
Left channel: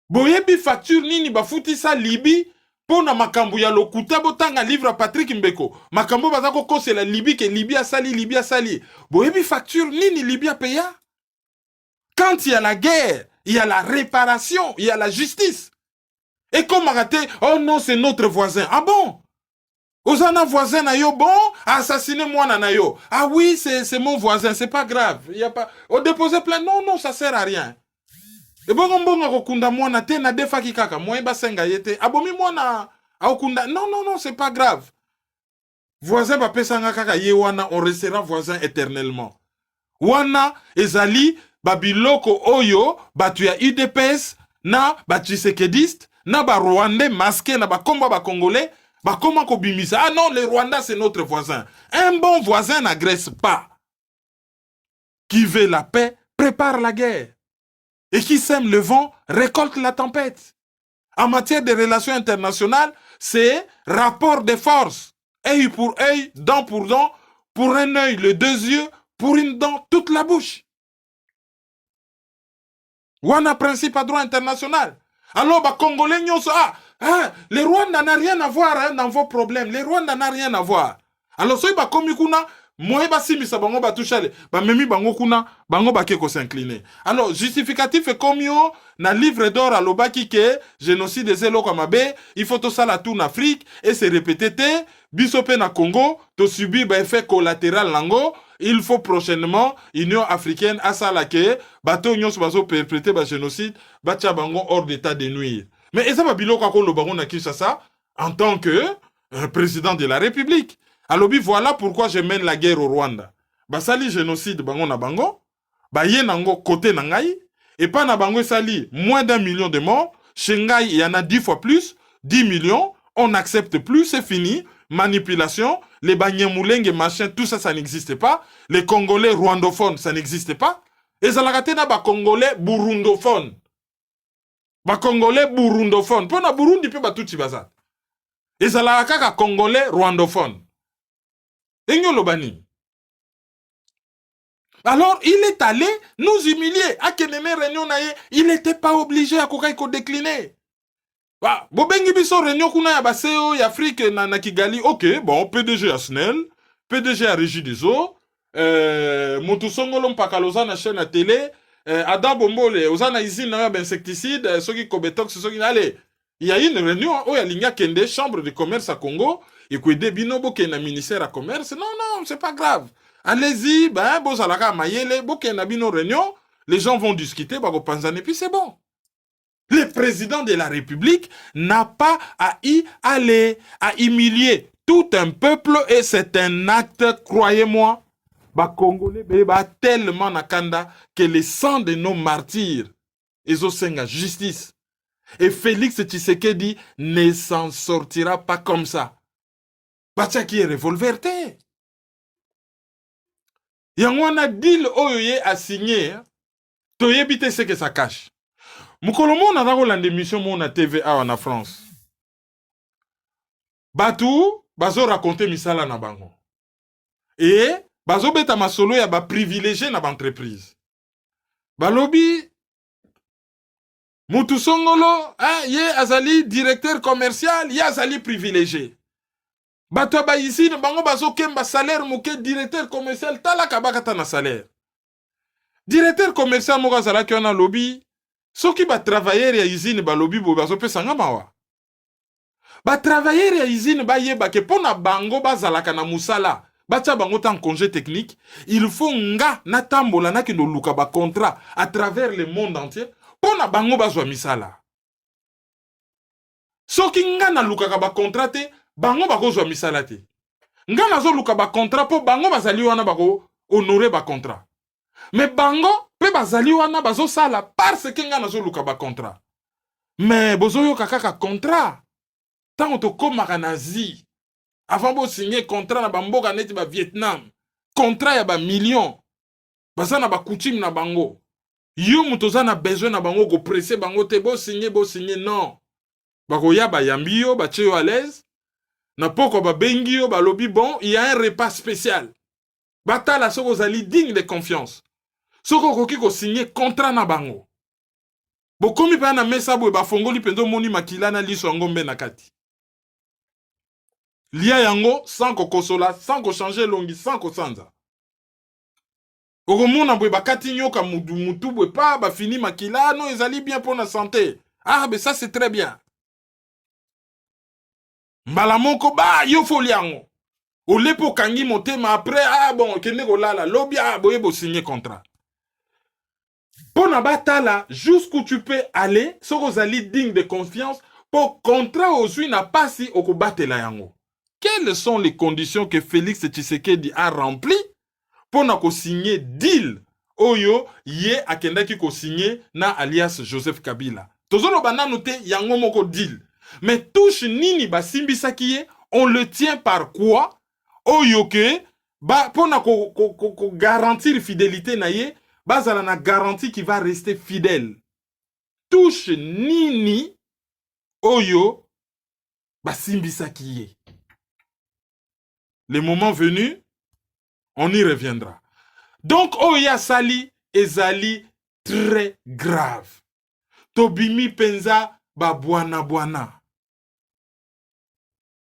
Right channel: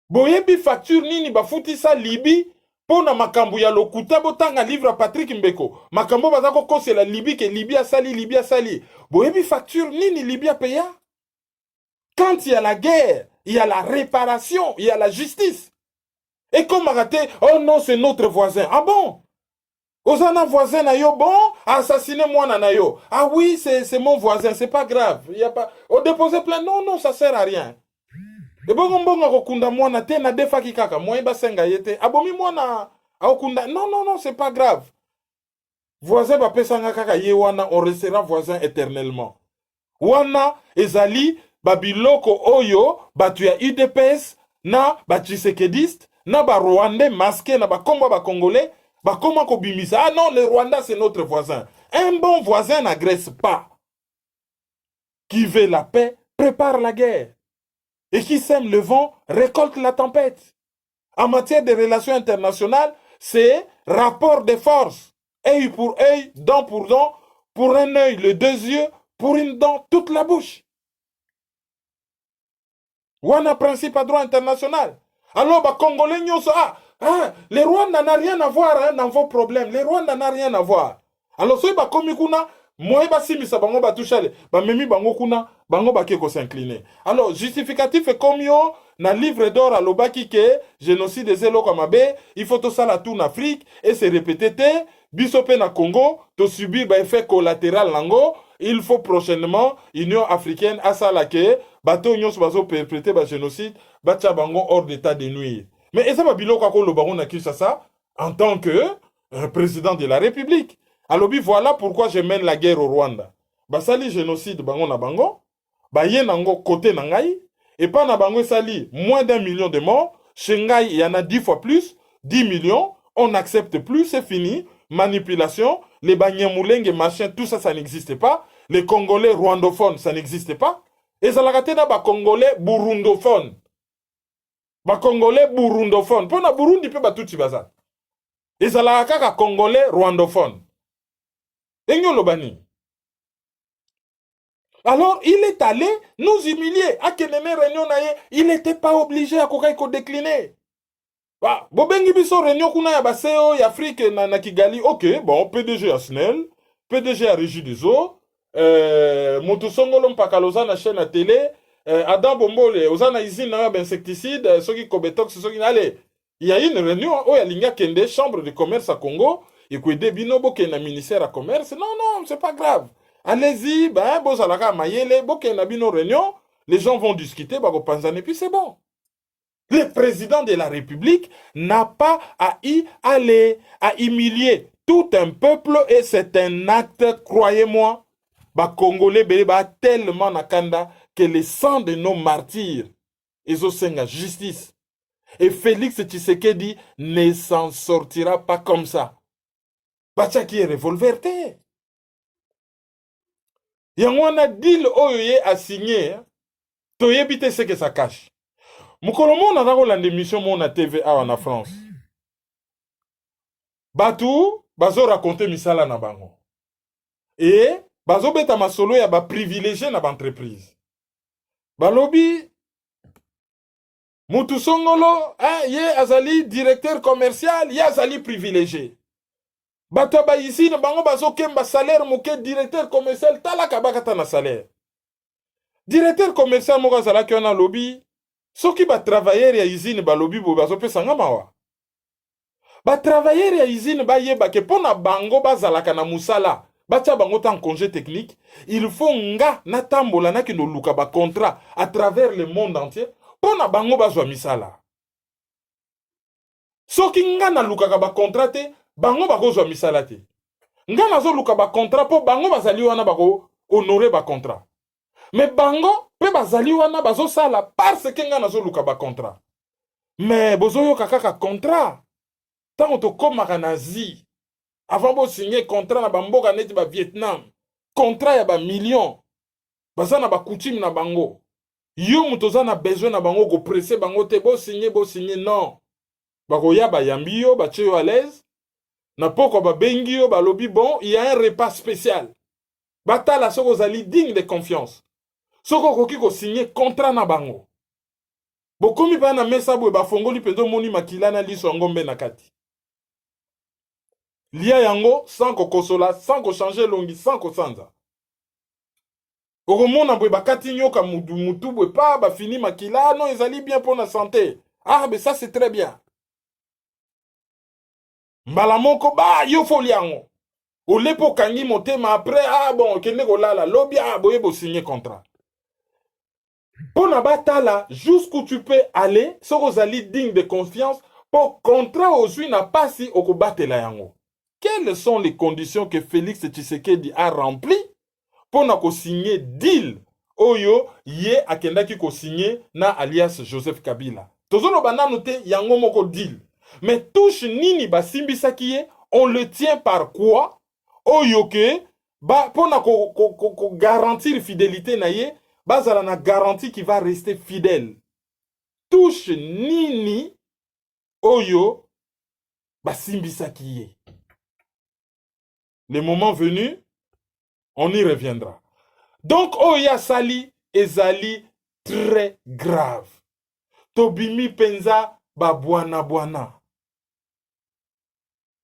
Boyebi facture nini ba futi sa Libye pour na makambu ya lokuta botanga livre Patrick Mbeko. Makambo bazako kose la Libye que Libye a sali. Boyebi facture nini Libye a payé. Quand il y a la guerre, il y a la réparation, il y a la justice. Et comme raté, oh non, c'est notre voisin. Ah bon? Ozana voisin na yo, bon, assassiné moi na yo. Ah oui, c'est mon voisin, c'est pas grave. Il y a pas. On dépose plainte, non, non, ça sert à rien. Et bon, okunda moi na te na defa kikaka, moi ba senga yete. Abomi moi na okunda, non, non, non, c'est pas grave. Voisin ba pesanga kaka ye wana, on restera voisin éternellement. Wana ezali babiloko oyo batu ya UDPS na ba Tshisekediste na ba Rwandais masqué na ba komba ba Congolais ba koma ko bimisa. Ah non, les Rwandais c'est notre voisin. Un bon voisin n'agresse pas. Qui veut la paix prépare la guerre. Et qui sème le vent récolte la tempête. En matière de relations internationales, c'est rapport de force. Œil pour œil, dent pour dent, pour un œil le deux yeux, pour une dent toute la bouche. Wana principe à droit international. Alors, bah, Congolais, les Rwandais n'ont rien à voir hein, dans vos problèmes. Les Rwandais n'ont rien à voir. Alors, si bah, comme kuna, moi, bah, si misa bango bah toucher, bah, memi bango kuna, bango bah keko s'incliner. Alors, justificatif est comme yo, na livre d'or à l'obaki que génocide des élo comme abe, il faut tout ça la tout en Afrique, et c'est répété, bisope na Congo, to subir bah effet collatéral lango, il faut prochainement, Union africaine, à ça la que, bateau nyos bazo perpréter ba génocide, bacha bango hors d'état de nuire. Mais est-ce que bilo kako le baron na Kinshasa, en tant que président de la République? Alors, voilà pourquoi je mène la guerre au Rwanda. Basali génocide bango na bango, ba ye nango côté nangai, et pas na bango sali moins d'1 million de morts, Shanghai il y en a 10 fois plus, 10 millions, on n'accepte plus, c'est fini, manipulation, les Banyamulenge, machin, tout ça, ça n'existe pas. Les Congolais rwandophones, ça n'existe pas. Et ça l'a raté dans les Congolais burundophones. Les Congolais burundophones. Pour na Burundi, peut pas tout baza. Et ça l'a raté dans les Congolais rwandophones. Et nous l'obani. Alors, il est allé nous humilier. À Keneme Réunion, il n'était pas obligé à décliner. Bobengi biso réunion kuna ya baseo ya Afrique na Kigali. Ok, bon, PDG à SNEL, PDG à Régie des Eaux, Motusongolo Mpakaloza na chaîne à télé, Ada Bombole, Ozana usine na insecticide, Soki Kobetox, Soki allez. Il y a une réunion où il y a Kende, chambre de commerce à Congo, et que des binobo qui est na ministère à commerce. Non, non, c'est pas grave. Allez-y, ben, bozalaka mayele, boke na bino réunion, les gens vont discuter, bah, et puis c'est bon. Le président de la République n'a pas à y aller, à humilier tout un peuple et c'est un acte, croyez-moi, bah Congolais bah tellement nakanda que le sang de nos martyrs ils ont justice. Et Félix Tshisekedi ne s'en sortira pas comme ça. Bah qui est revolverté. Yangwana deal oyoye a signé, toyebite ce que ça cache. Mukolomo na dako lande mission mon na TVA en France. Batou, bazo raconter misala na bango. Et bazo beta masolo ya ba privilégié na ba entreprise. Balobi Mutu Songolo, ye azali directeur commercial, ye azali privilégié. Bato ba ici na bango bazo kemba salaire moke directeur commercial talaka bakata na salaire. Directeur commercial mo azala ki na lobby. Soki ba travailleur ya usine ba lobby bo bazo pesa ngama wa. Ba travailleur ya usine ba yeba ke pona bango bazalaka na musala. Bacha bango tan congé technique, il faut nga na tambola na kino luka ba contrat à travers le monde entier pona bango bazwa misala. Soki nga na luka ba contrat te, bango bakozwa misala te. Nga nazo luka ba contrat po bango bazali wana bako honorer ba contrat. Mais bango pe bazali wana bazo sala parce que nga nazo luka ba contrat. Mais bozo yo kaka contrat. Tant to komaka nazi. Avant de signer contrat na bamboka neti ba Vietnam. Contrat ya ba million. Baza na ba coutume na bango. Yo mutoza na besoin na bango go presser bango te bo signer non. Bako ya ba yambi yo ba cheyo à l'aise. Na poko ba bengi yo ba lobi bon, il y a un repas spécial. Batala soko zali digne de confiance. Soko koki ko signer contrat na bango. Bokomi pa na mesa bo ba fongoli pendo moni makila na liso ngombe na kati. Lia yango sans kokosola, sans ko changer longi, sans ko sanza. Oromona bwe bakati nyoka mutu bwe pa ba fini makila non ezali bien pour la santé. Ah mais ça c'est très bien. mbala moko ba yo foli yango olepo kangi motema après ah bon kende kolala lobi ah boye bo signer contrat pona batala jusqu'où tu peux aller soko ozali digne de confiance pour contrat ozwi na pasi okobatela yango. Quelles sont les conditions que Félix Tshisekedi a remplies pour na signer deal oyo ye akendaki ko signer na alias Joseph Kabila. Tozolo banano te yango moko deal. Mais touche nini basimbisaki ye, on le tient par quoi? Oyo ke ba pour na ko garantir fidélité na ye, bazala na garantie qui va rester fidèle. Touche nini oyo basimbisaki ye. Le moment venu, on y reviendra. Donc, Oya Sali ezali très grave. Tobimi penza babwana bwana.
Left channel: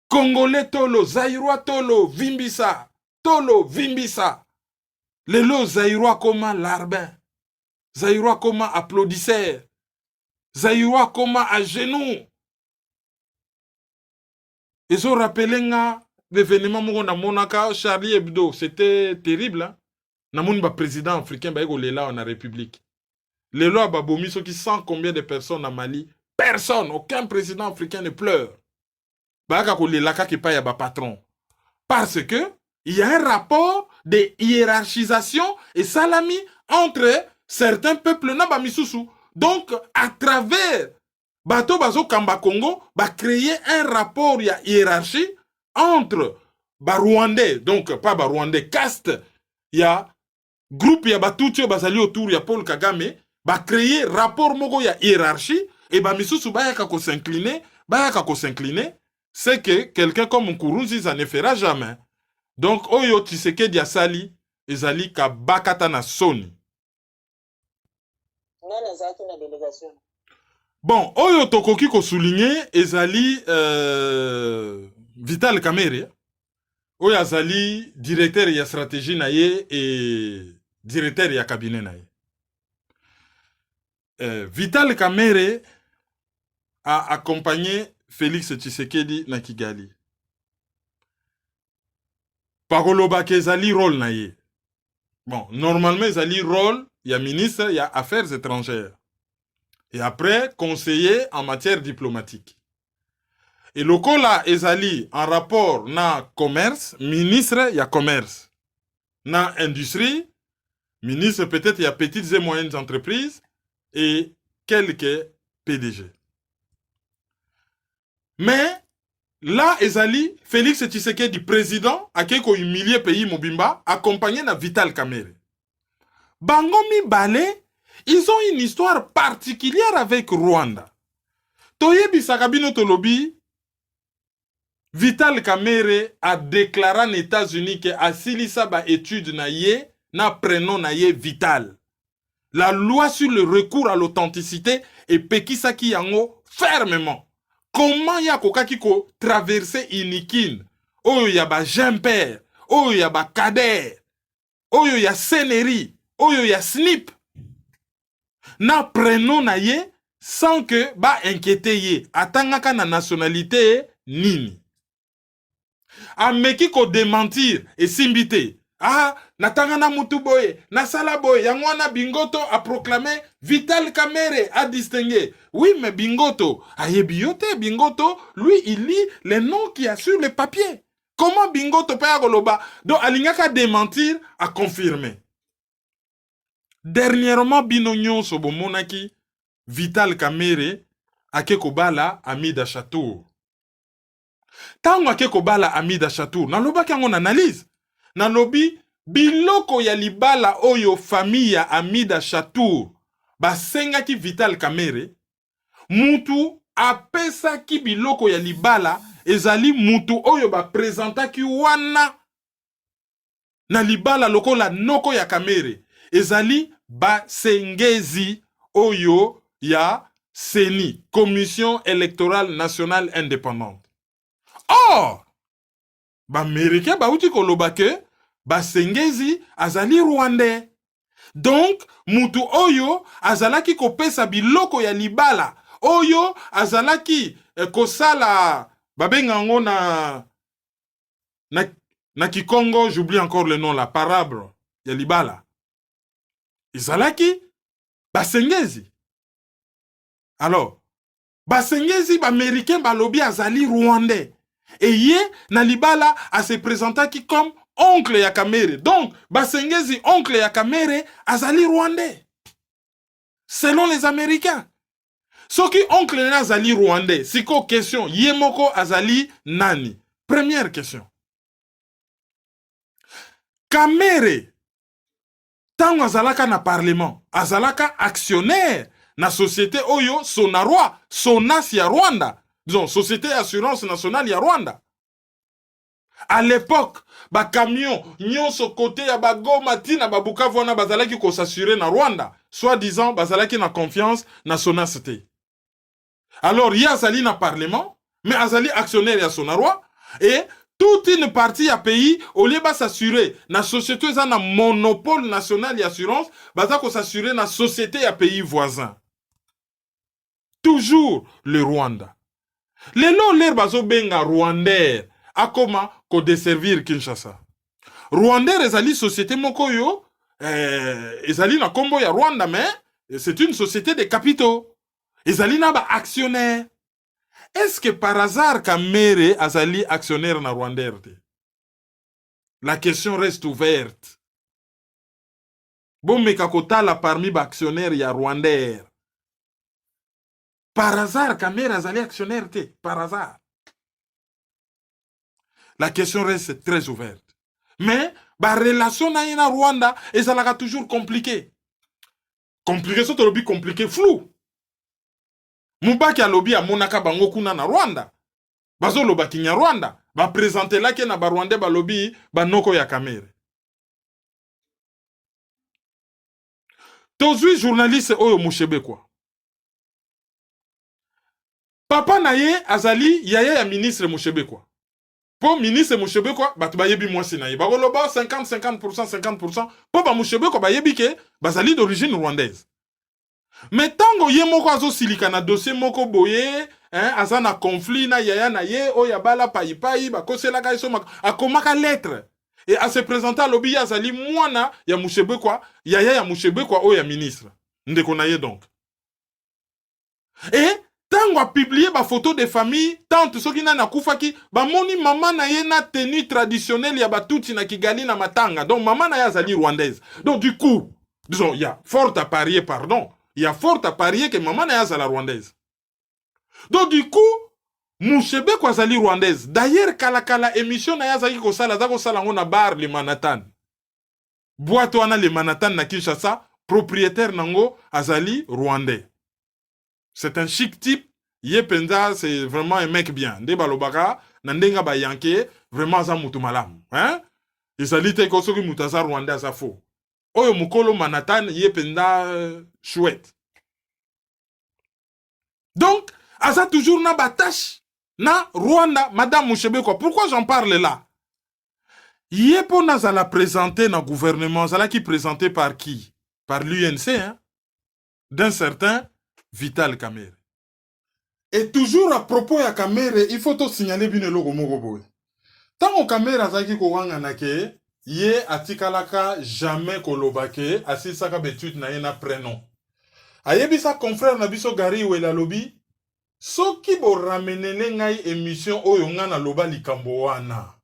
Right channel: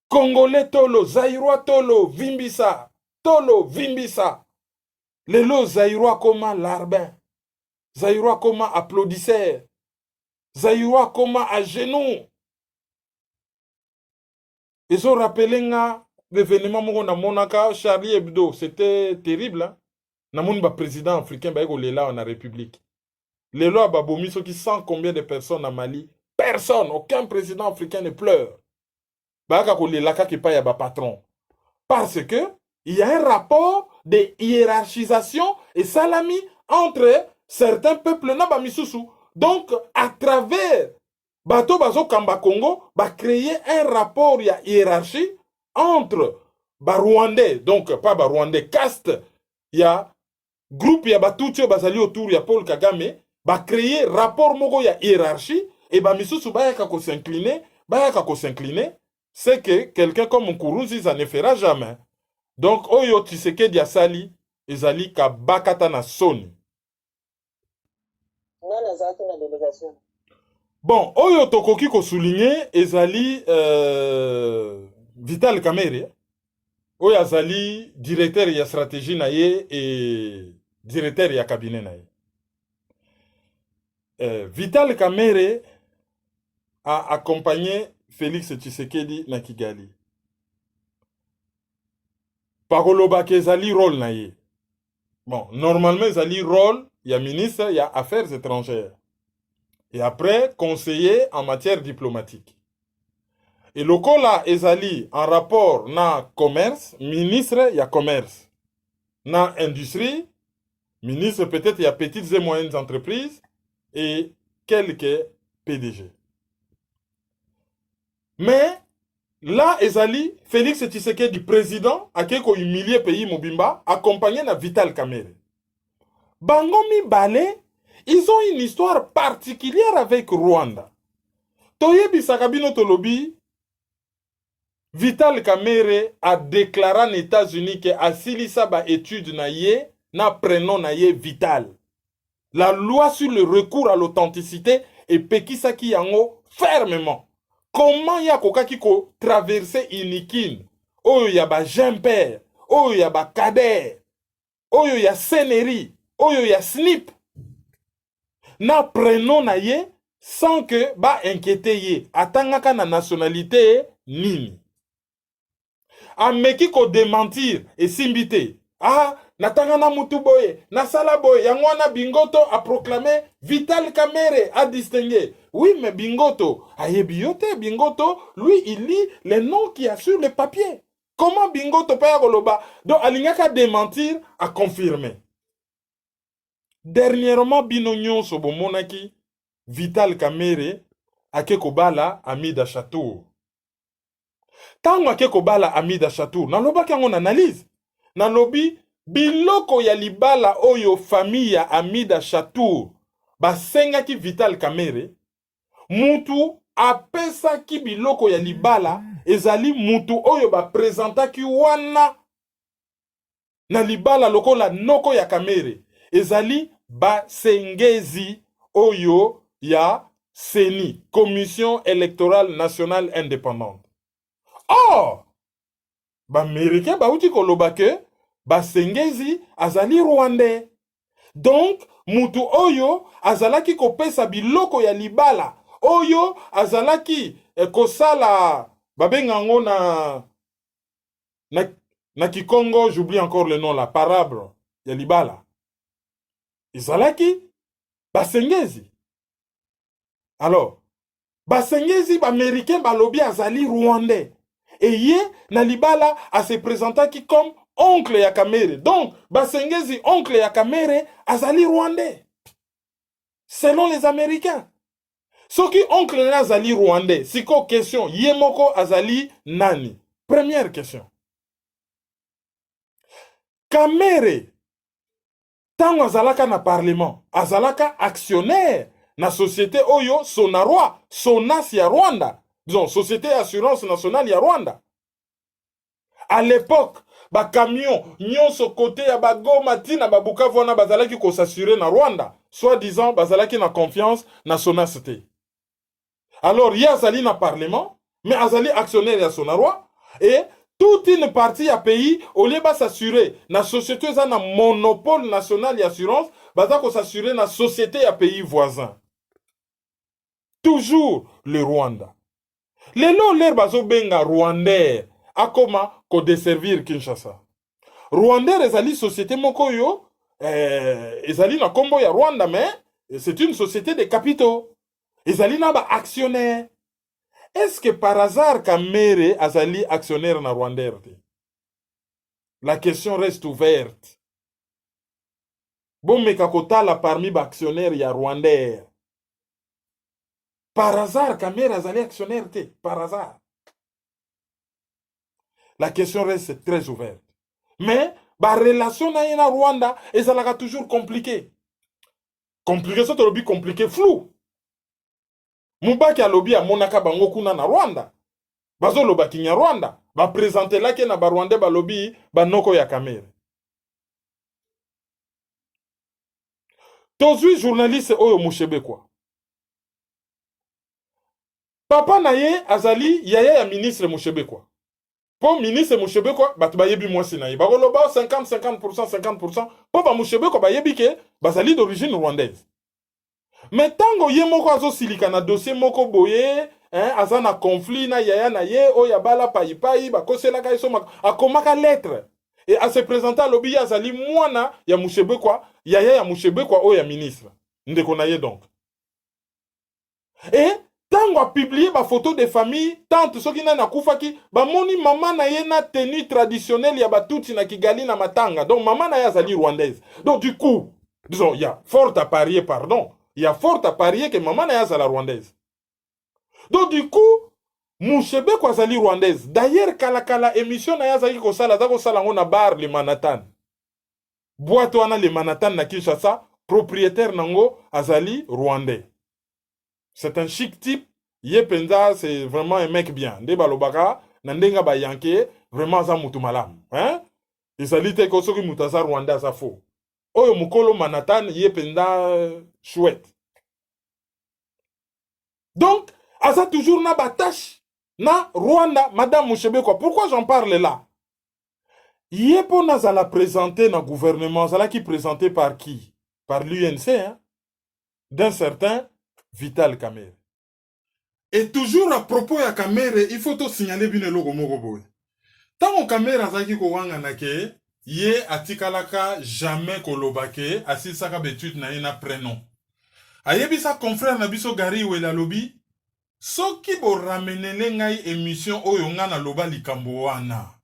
Congolais tolo, Zaïrois tolo, vimbisa. Tolo, vimbisa. Lelo Zaïrois comment larbin. Zaïrois comment applaudisseur. Zaïrois comment à genoux. Ils ont rappelé l'événement na monaka Charlie Hebdo, c'était terrible. Hein? Namoun ba président africain ba ego lela en République. Les lois babomi ceux qui sent combien de personnes en Mali, personne, aucun président africain ne pleure. Ba ka ko lela ka ki pa ya ba patron. Parce que il y a un rapport de hiérarchisation et salami entre certains peuples na ba misusu. Donc à travers bato bazo kamba Congo ba créer un rapport ya hiérarchie entre Rwandais, donc pas Rwandais, caste, il y a groupe, il y a Batuti, Bazali autour, il y a Paul Kagame, va créer rapport mogo, il y a hiérarchie, et bah misusu ba yaka ko s'incliner, c'est que quelqu'un comme Nkuruzi, ça ne fera jamais. Donc, Oyo Tshisekedi Asali, ezali ka bakata na soni. Bon, Oyo Tokoki ko souligner, ezali Vital Kamerhe, oyo azali directeur ya stratégie na ye et directeur ya cabinet na ye. Vital Kamerhe a accompagné Félix Tshisekedi na Kigali. Pakoloba ke ezali rôle na ye. Bon, normalement ezali rôle ya ministre ya affaires étrangères. Et après conseiller en matière diplomatique. Et le là ezali en rapport na commerce, ministre ya commerce. Na industrie, ministre peut-être ya petites et moyennes entreprises et quelques PDG. Mais là ezali Félix Tshisekedi président akeko humilier pays mobimba accompagné na Vital Kamerhe. Bango mibale, ils ont une histoire particulière avec Rwanda. Toyebi sakabino tolobi Vital Kamerhe a déclaré aux États-Unis que asilisa ba étude na ye na prénom na ye Vital. La loi sur le recours à l'authenticité est pekisaki yango fermement. Comment ya kokaki ko traverser Inikin? Oyo ya ba Jean-Père, oyo ya ba Kader, oyo ya Seneri, oyo ya Snip. Na prénom na ye sans que ba inquiéter ye. Atangaka na nationalité nini. Ameki ko démentir et simbité. Ah, natanga na mutu boye, na sala boye, yangwana Bingoto a proclamé Vital Kamerhe a distingué. Oui, mais Bingoto, ayebiote Bingoto, lui, il lit les noms qu'il y a sur le papier. Comment Bingoto peut y donc, Alingaka démentir a confirmé. Dernièrement, Binognon Sobomonaki, Vital Kamerhe, Akekobala, Amida Chatour. Tango Akekobala, Amida Chatour, nan loba kangon analyse. Nan lobi, biloko ya libala oyo famille ya Amida Chatour, basengaki Vital Kamerhe, mutu apesaki biloko ya libala, ezali mutu oyo baprezentaki wana na libala lokola noko ya Kamerhe, ezali basengezi oyo ya CENI, Commission électorale nationale indépendante. Or, Américain bauti koloba ke basengezi azali Rwandais. Donc, mutu oyo azalaki kopesa biloko ya libala, oyo azalaki kosala babengango na Kikongo, j'oublie encore le nom, la parable ya libala. Izalaki basengezi. Alors, basengezi baméricain balobi azali rwandais. Et ye na libala a se présentaki comme oncle ya Kamere. Donc, basengezi oncle ya Kamere azali rwandais. Selon les Américains. Soki oncle na azali rwandais, siko question, ye moko azali nani? Première question. Kamere, tango azalaka na parlement, azalaka actionnaire na société oyo Sonarwa, Sonas ya Rwanda. Disons, Société Assurance Nationale ya Rwanda. À l'époque, ba camion, nyonso côté ya ba Goma tina ba Bukavu wana bazalaki ko s'assurer na Rwanda. Soit disant, bazalaki na confiance na Sonas te. Alors, y a azali na parlement, mais azali actionnaire ya Sonarwa, et toute une partie à pays, au lieu de s'assurer, la société a un monopole national d'assurance, baza ko s'assurer na société à pays voisins. Toujours le Rwanda. Les noms l'air bazo benga Rwandais, a comment ko desservir Kinshasa. Rwandais ezali société moko yo, ezali na kombo ya Rwanda, mais c'est une société de capitaux. Ezali na ba actionnaire. Est-ce que par hasard Kamere azali actionnaire na Rwandais? La question reste ouverte. Bon mekakota la parmi ba actionnaire ya Rwandais. Par hasard Kamere azali actionnaire te, par hasard. La question reste très ouverte. Mais ba relation na yena Rwanda ezalaka toujours compliqué. Compliqué so to lobi compliqué flou. Mubaki alobi a monaka bango kuna na Rwanda. Bazo loba kinya Rwanda. Ba présenter la ke na ba Rwanda ba lobi ba noko ya Kamere. Tozui journaliste oyo Mushebe kwa. Papa na ye azali yaya ya ministre Mushebe kwa. Po ministre Mushebe kwa batu bayebi mwasi na ye. Ba loba 50%. Po ba Mushebe kwa bayebi ke bazali d'origine rwandaise. Mais tango ye moko azo silika na dossier moko boye, aza na conflit na yaya na ye, oya bala payi, bakosela ka iso akomaka lettre. Et à se présenter à l'obi azali mwana ya Mushebe kwa, yaya ya Mushebe kwa oya ministre. Ndeko na ye donc. Et tango a publié ba photo de famille, tante soki na nakufaki, ba moni mama na ye na tenue traditionnelle ya batuti na Kigali na Matanga. Donc mama na ye azali rwandaise. Donc du coup, disons, il y a fort à parier, pardon. Il y a fort à parier que maman n'a pas la rwandaise. Donc du coup, Mushebe kwa zali rwandaise. D'ailleurs, kala émission na yazaki ko sala ngona bar le Manhattan. Boîte wana le Manhattan na Kinshasa, propriétaire nango azali rwandais. C'est un chic type. Yepenza, c'est vraiment un mec bien. Nde balobaka, nandenga ba yanke, vraiment za mutu malam. Hein? Izali te ko soki mutaza rwandais asa faux. Oyo mukolo Manhattan yependa chouette. Donc, asa toujours na batache na Rwanda, Madame Mushebe quoi. Pourquoi j'en parle là? Yepo na la présenté na gouvernement, zala qui présenté par qui? Par l'UNC, hein? D'un certain Vital Kamere. Et toujours à propos ya Kamere, il faut tout signaler bine logo moko boy. Tango Kamere azaki ko wanga na ke ye atikalaka jamais kolobake asisaka betude na ye na prénom. Ayebisa confrère na biso Gary Wela lobi soki bo ramenene ngai émission oyo nga na loba likambo wana.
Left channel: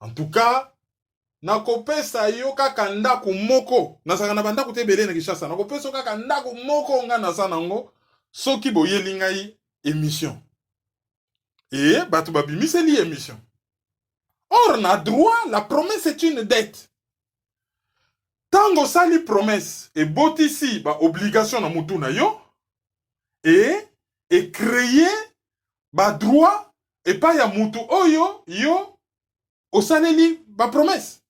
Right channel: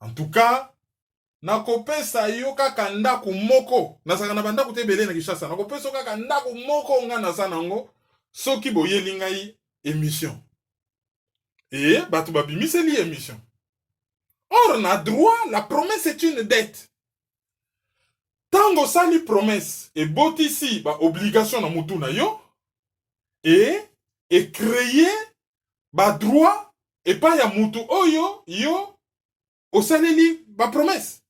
En tout cas, nakopesa yo kaka ndako moko nasaka na bandako te belé na Kinshasa nakopesa kaka ndako moko nga na sanango soki boyeli ngai émission. Et batu babimiseli émission. Or, na droit, la promesse est une dette. Tango sali promesse et botisi ba obligation na mutu na yo et créer ba droit et pas ya mutu oyo yo osaleli ba promesse.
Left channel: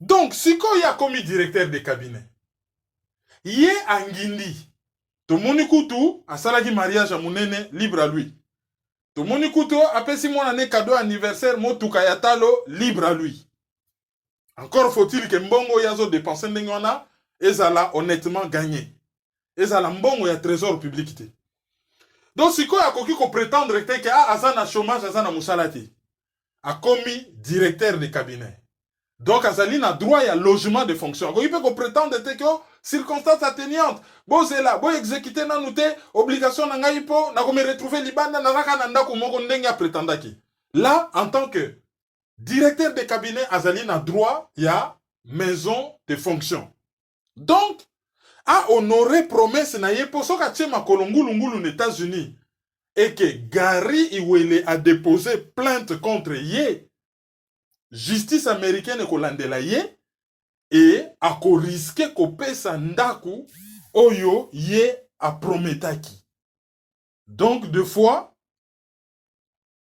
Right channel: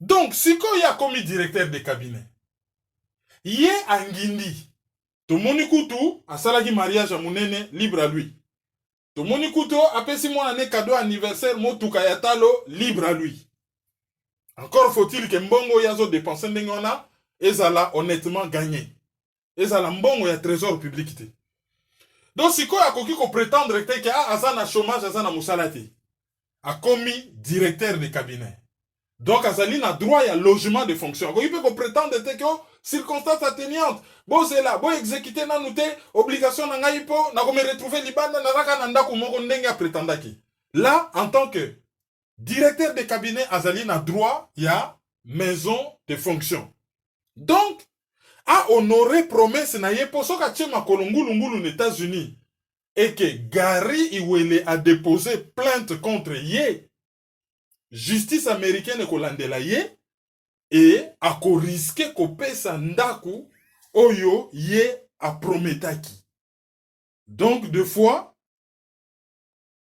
Donc, siko ya komi directeur de cabinet. Ye angindi. Tomoni kutu asalaki mariage a munene libre à lui. Tomoni kuto apesi mwana ne cadeau anniversaire motuka ya talo libre à lui. Encore faut-il que mbongo yazo dépenser ndengona ezala honnêtement gagné. Ezala mbongo ya trésor public te. Donc sikoyo akoki ko prétendre que aza na chômage aza na musala te. A commis directeur de cabinet. Donc azali na droit ya logement de fonction. Akoki pe ko prétendre que circonstance atténuante. Bo c'est là, bo exécuter nanu te obligation na ngai po na ko me retrouver libanda na raka na ndako moko ndenge prétendaki. Là en tant que directeur de cabinet azali na droit ya maison de fonction. Donc a honoré promesse na ye po soka tchema kolongulungulu aux États-Unis et que Gary Iwele a déposé plainte contre ye, justice américaine kolandela ye et a ko risqué ko pesa ndaku oyo ye a prometaki. Donc deux fois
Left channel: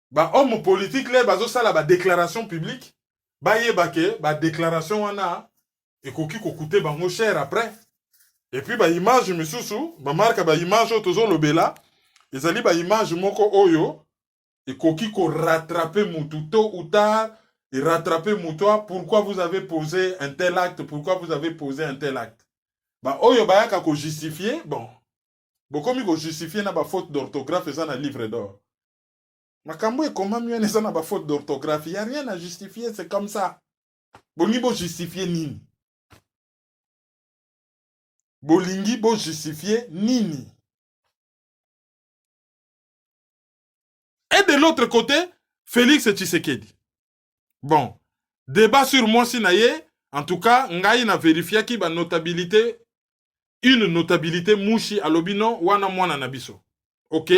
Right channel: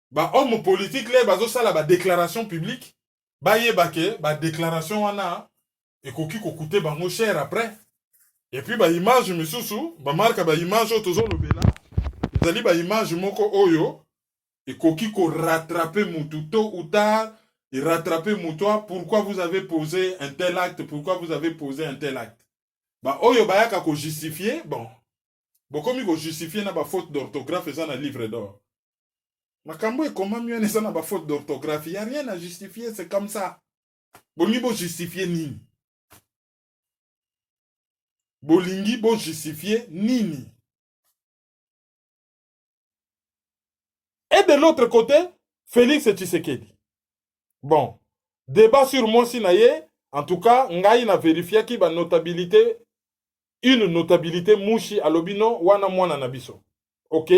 ba homme politique le bazo sala ba déclaration publique ba yebake ba déclaration wana ekoki ko coûter bango cher après. Et puis ba image misusu ba marque ba image tozo lobela ezali ba image moko oyo ekoki ko rattraper mutu tôt ou tard et rattraper mutoa pourquoi vous avez posé un tel acte, pourquoi vous avez posé un tel acte. Ba oyo ba yaka ko justifier, bon bokomi ko justifier na ba faute d'orthographe eza na livre d'or. Makambo e comment mieux eza na ba faute d'orthographe, il y a rien à justifier, c'est comme ça. Boni bo justifier nini? Bolingi bo justifier nini? Et de l'autre côté, Félix Tshisekedi. Bon, débat sur moi sinaye, en tout cas, ngai na vérifié ki ba notabilité, une notabilité mouchi alobino wana mwana nabiso. Ok,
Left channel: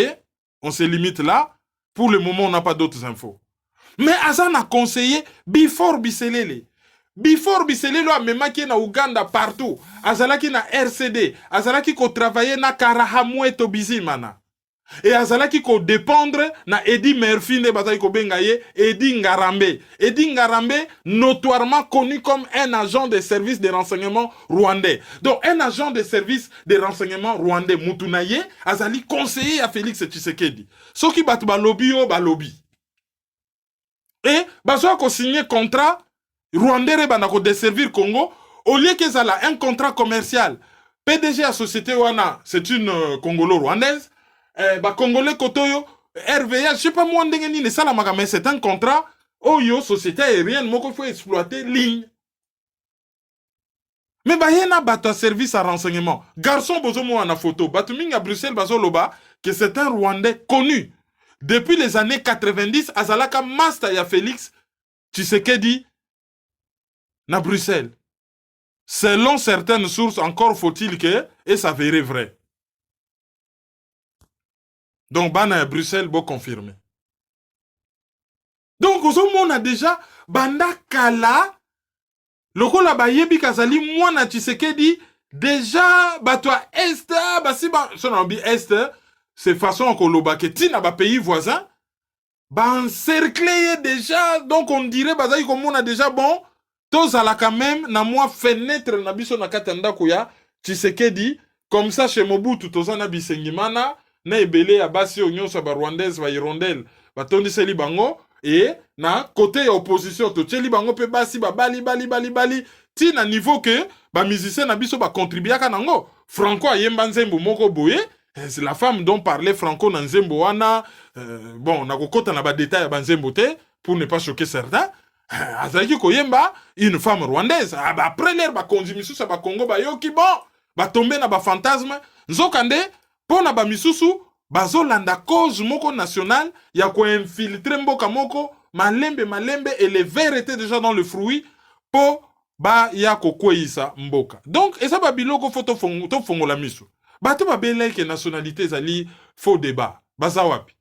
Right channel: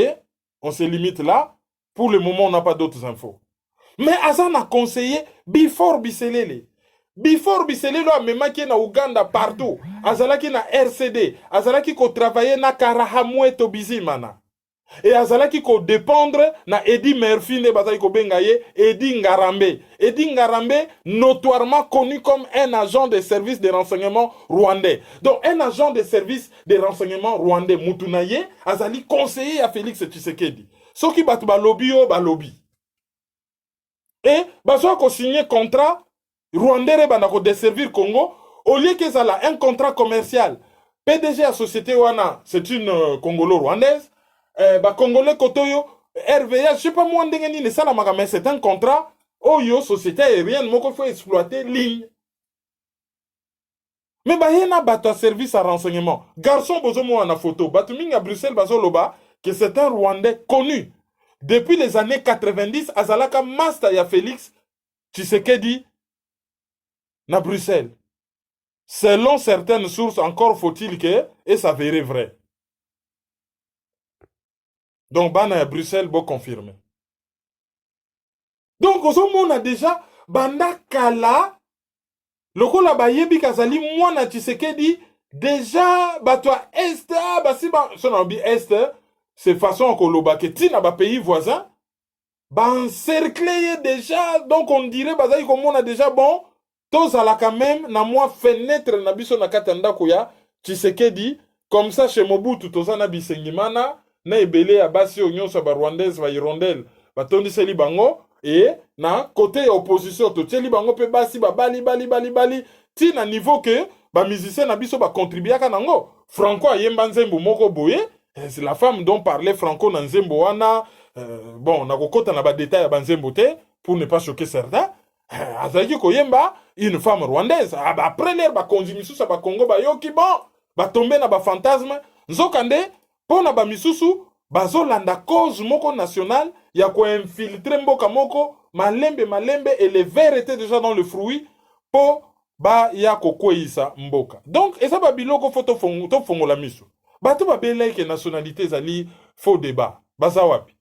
on se limite là. Pour le moment, on n'a pas d'autres infos. Mais Azan a conseillé Before Biselele. Before Biselele a même qui na Ouganda partout. Azalaki na RCD. Azalaki ko travailler na Karahamwe to Bizimana. Et Azalaki ko dépendre na Eddie Murphy ne bataille ko bengaye Eddie Ngarambe. Eddie Ngarambe notoirement connu comme un agent de service de renseignement rwandais. Donc un agent de service de renseignement rwandais Mutunaye Azali conseiller à Félix Tshisekedi. Ce qui bat balobi o balobi. Et bazo ko signer contrat rwandais bana ko desservir Congo au lieu que ça a un contrat commercial. PDG à société wana, c'est une congolo-rwandaise. Congolais Kotoyo, RVA, je sais pas moi, mais c'est un contrat. Oyo, société aérienne, moi, il faut exploiter ligne. Mais il y a un service à renseignement. Garçon, bozo moi en photo. Batuming à Bruxelles, bazo loba, que c'est un Rwandais connu. Depuis les années 90, Azalaka Masta ya Félix Tshisekedi na Bruxelles. Selon certaines sources, encore faut-il que, et ça verrait vrai. Donc, Bana à Bruxelles, bon confirmé. Donc, on a déjà, Banda Kala, le rôle à Bayebi Kazali, moi, na Tshisekedi, déjà, toi, Est, si, son ambi Est, c'est façon qu'on le baquetine à pays voisin, encerclé déjà, donc on dirait, Bazaï, comme on a déjà, bon, tous à la quand même, na moi, fenêtre, na biso na katanda kuya, Tshisekedi, comme ça, chez Mobutu, tous en abisengimana, na ebele ya basi onyo sa ba rwandaise ba irondel ba tondi seli bango et na côté opposition to teli bango pe basi ba bali ti na niveau que ba musicien na biso ba contribuer ka nango Franco ayemba nzembo moko boye c'est la femme dont parlait Franco na nzembo wana bon na kokota na ba détail ya ba nzembo te pour ne pas choquer certains azaki koyemba une femme rwandaise après l'air ba konzimisu sa ba Congo ba yoki bon ba tomber na ba fantasme nzokande. Pour na ba misusu, bazolanda cause moko national, ya ko infiltrer mboka moko, malembe, et les vers étaient déjà dans le fruit, pour ba ya ko kweyisa mboka. Donc, et ça ba biloko photo fongo la misu. Bato ba beleke nationalité zali faux débat. Baza wapi.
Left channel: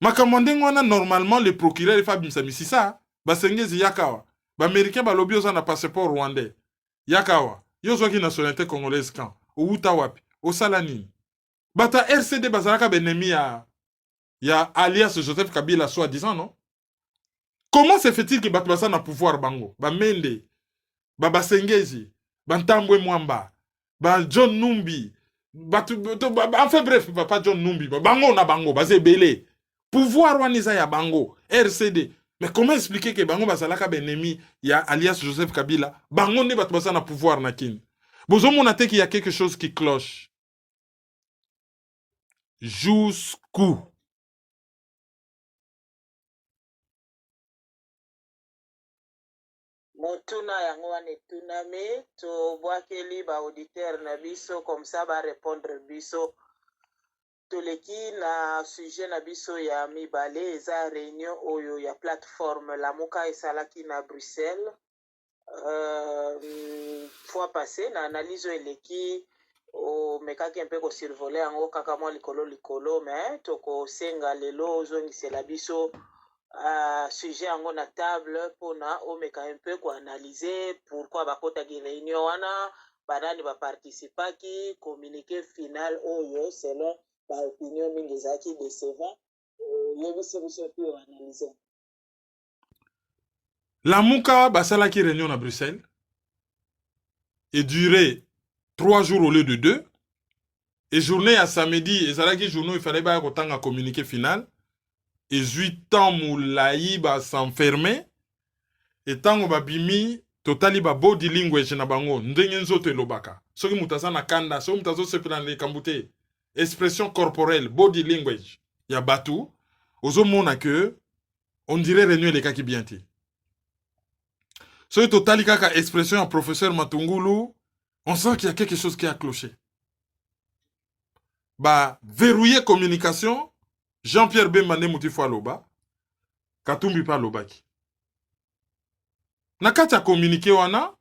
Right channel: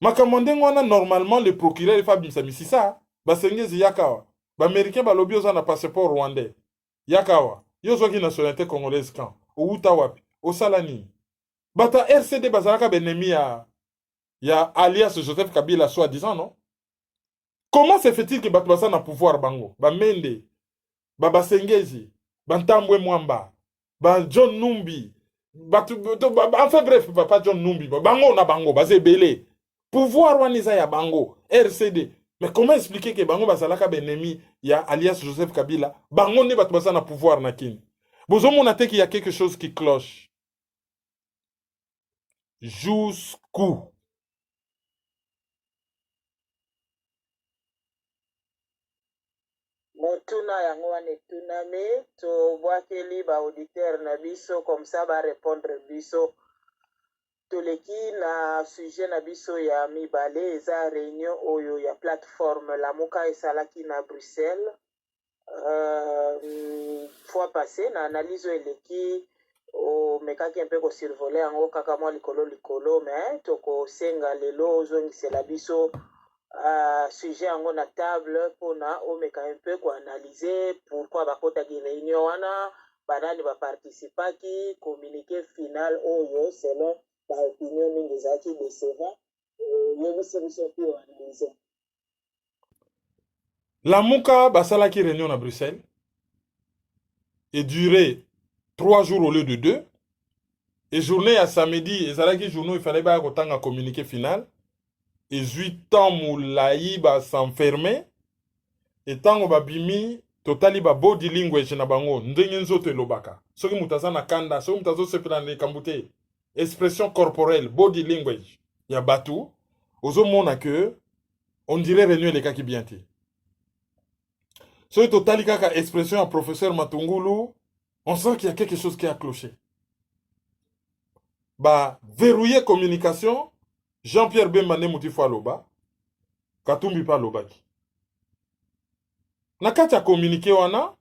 Makamwande ngwana normalement le procureur e Fabim Samisisa, ba sengezi yakawa. Ba américain ba lobi oza na passeport rwandais. Yakawa. Yozo ki nationalité congolaise kan. Ou uta wapi. O salani. Bata RCD bazaraka benemi ya alias Joseph Kabila soi-disant, non? Comment se fait-il que Batbasa na pouvoir bango? Ba Mende, ba Basengezi, ba Ntambwe Mwamba, ba John Numbi, enfin bref, pas John Numbi, ba bango na bango, ba Zebele. Pouvoir waniza ya bango, RCD. Mais comment expliquer que bango bazalaka benemi ya alias Joseph Kabila? Bango ne Batbasa na pouvoir na kin. Bozo monate qu'il y a quelque chose qui cloche. jusqu'où? Motuna yango wana etunami tobwakeli baauditeur na biso comme ça barépondre biso. Toleki na sujet na biso ya mibale eza réunion oyo ya plateforme Lamuka esalaki na Bruxelles fois passé na analyse eleki omekaki mpe kosurvole yango kaka mwa likolo mais tokosenga lelo ozongisela biso sujet yango na table mpona omeka mpe koanalyse pourquoi bakotaki réunion wana banani baparticipaki communiqué final oyo selon baopinion mingi ezalaki décevant yebisi biso mpe oanalyse. Lamuka basalaki réunion à Bruxelles et duré 3 jours au lieu de 2. Et journée à samedi, et ça journée il fallait pas autant un communiqué final. Et 8 ans moulaï ba s'enfermer. Et tant on va bimi totali ba body language na bango ndenge nzoto elobaka. Soki mutaza na kanda, soki mutazo sepela na kambute. Expression corporelle, body language. Ya batu. Ozo mona que on dirait réunion les kaki bienti. Soki totali kaka expression ya professeur Matungulu, on sent qu'il y a quelque chose qui a cloché. Bah, verrouiller communication, Jean-Pierre Bembane Moutifo Aloba, Katumbi pa Lobaki. Nakati a communiqué wana,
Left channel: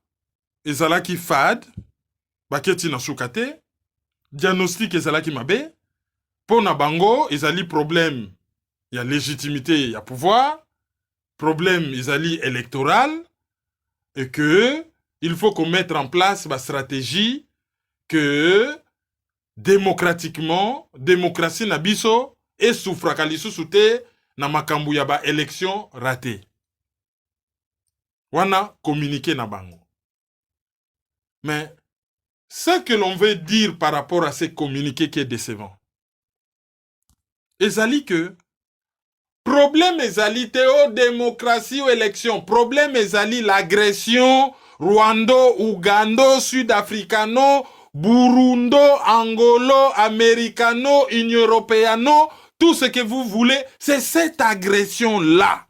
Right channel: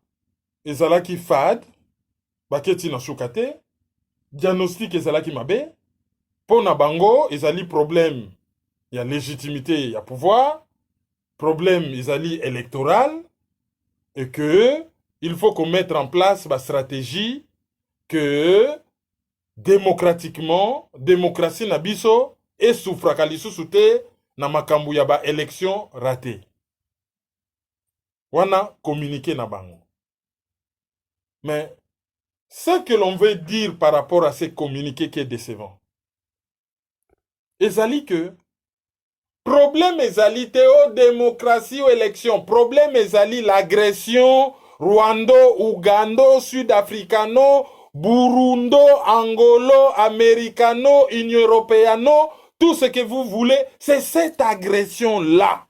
ezalaki fad, baketi na soukate, diagnostic ezalaki mabe, pona bango, ezali problème, y a légitimité, y a pouvoir, problème ezali électoral, et que il faut qu'on mette en place ma stratégie que démocratiquement, démocratie na biso et soufraka lisusu te na makambu ya ba élection ratée. Wana communiqué na bango. Mais ce que l'on veut dire par rapport à ces communiqués qui est décevant, ezali que problème ezali te o démocratie ou élection, problème ezali l'agression Rwando, Ougando, Sud-Africano, Burundo, Angolo, Americano, Union Européano, tout ce que vous voulez, c'est cette agression-là.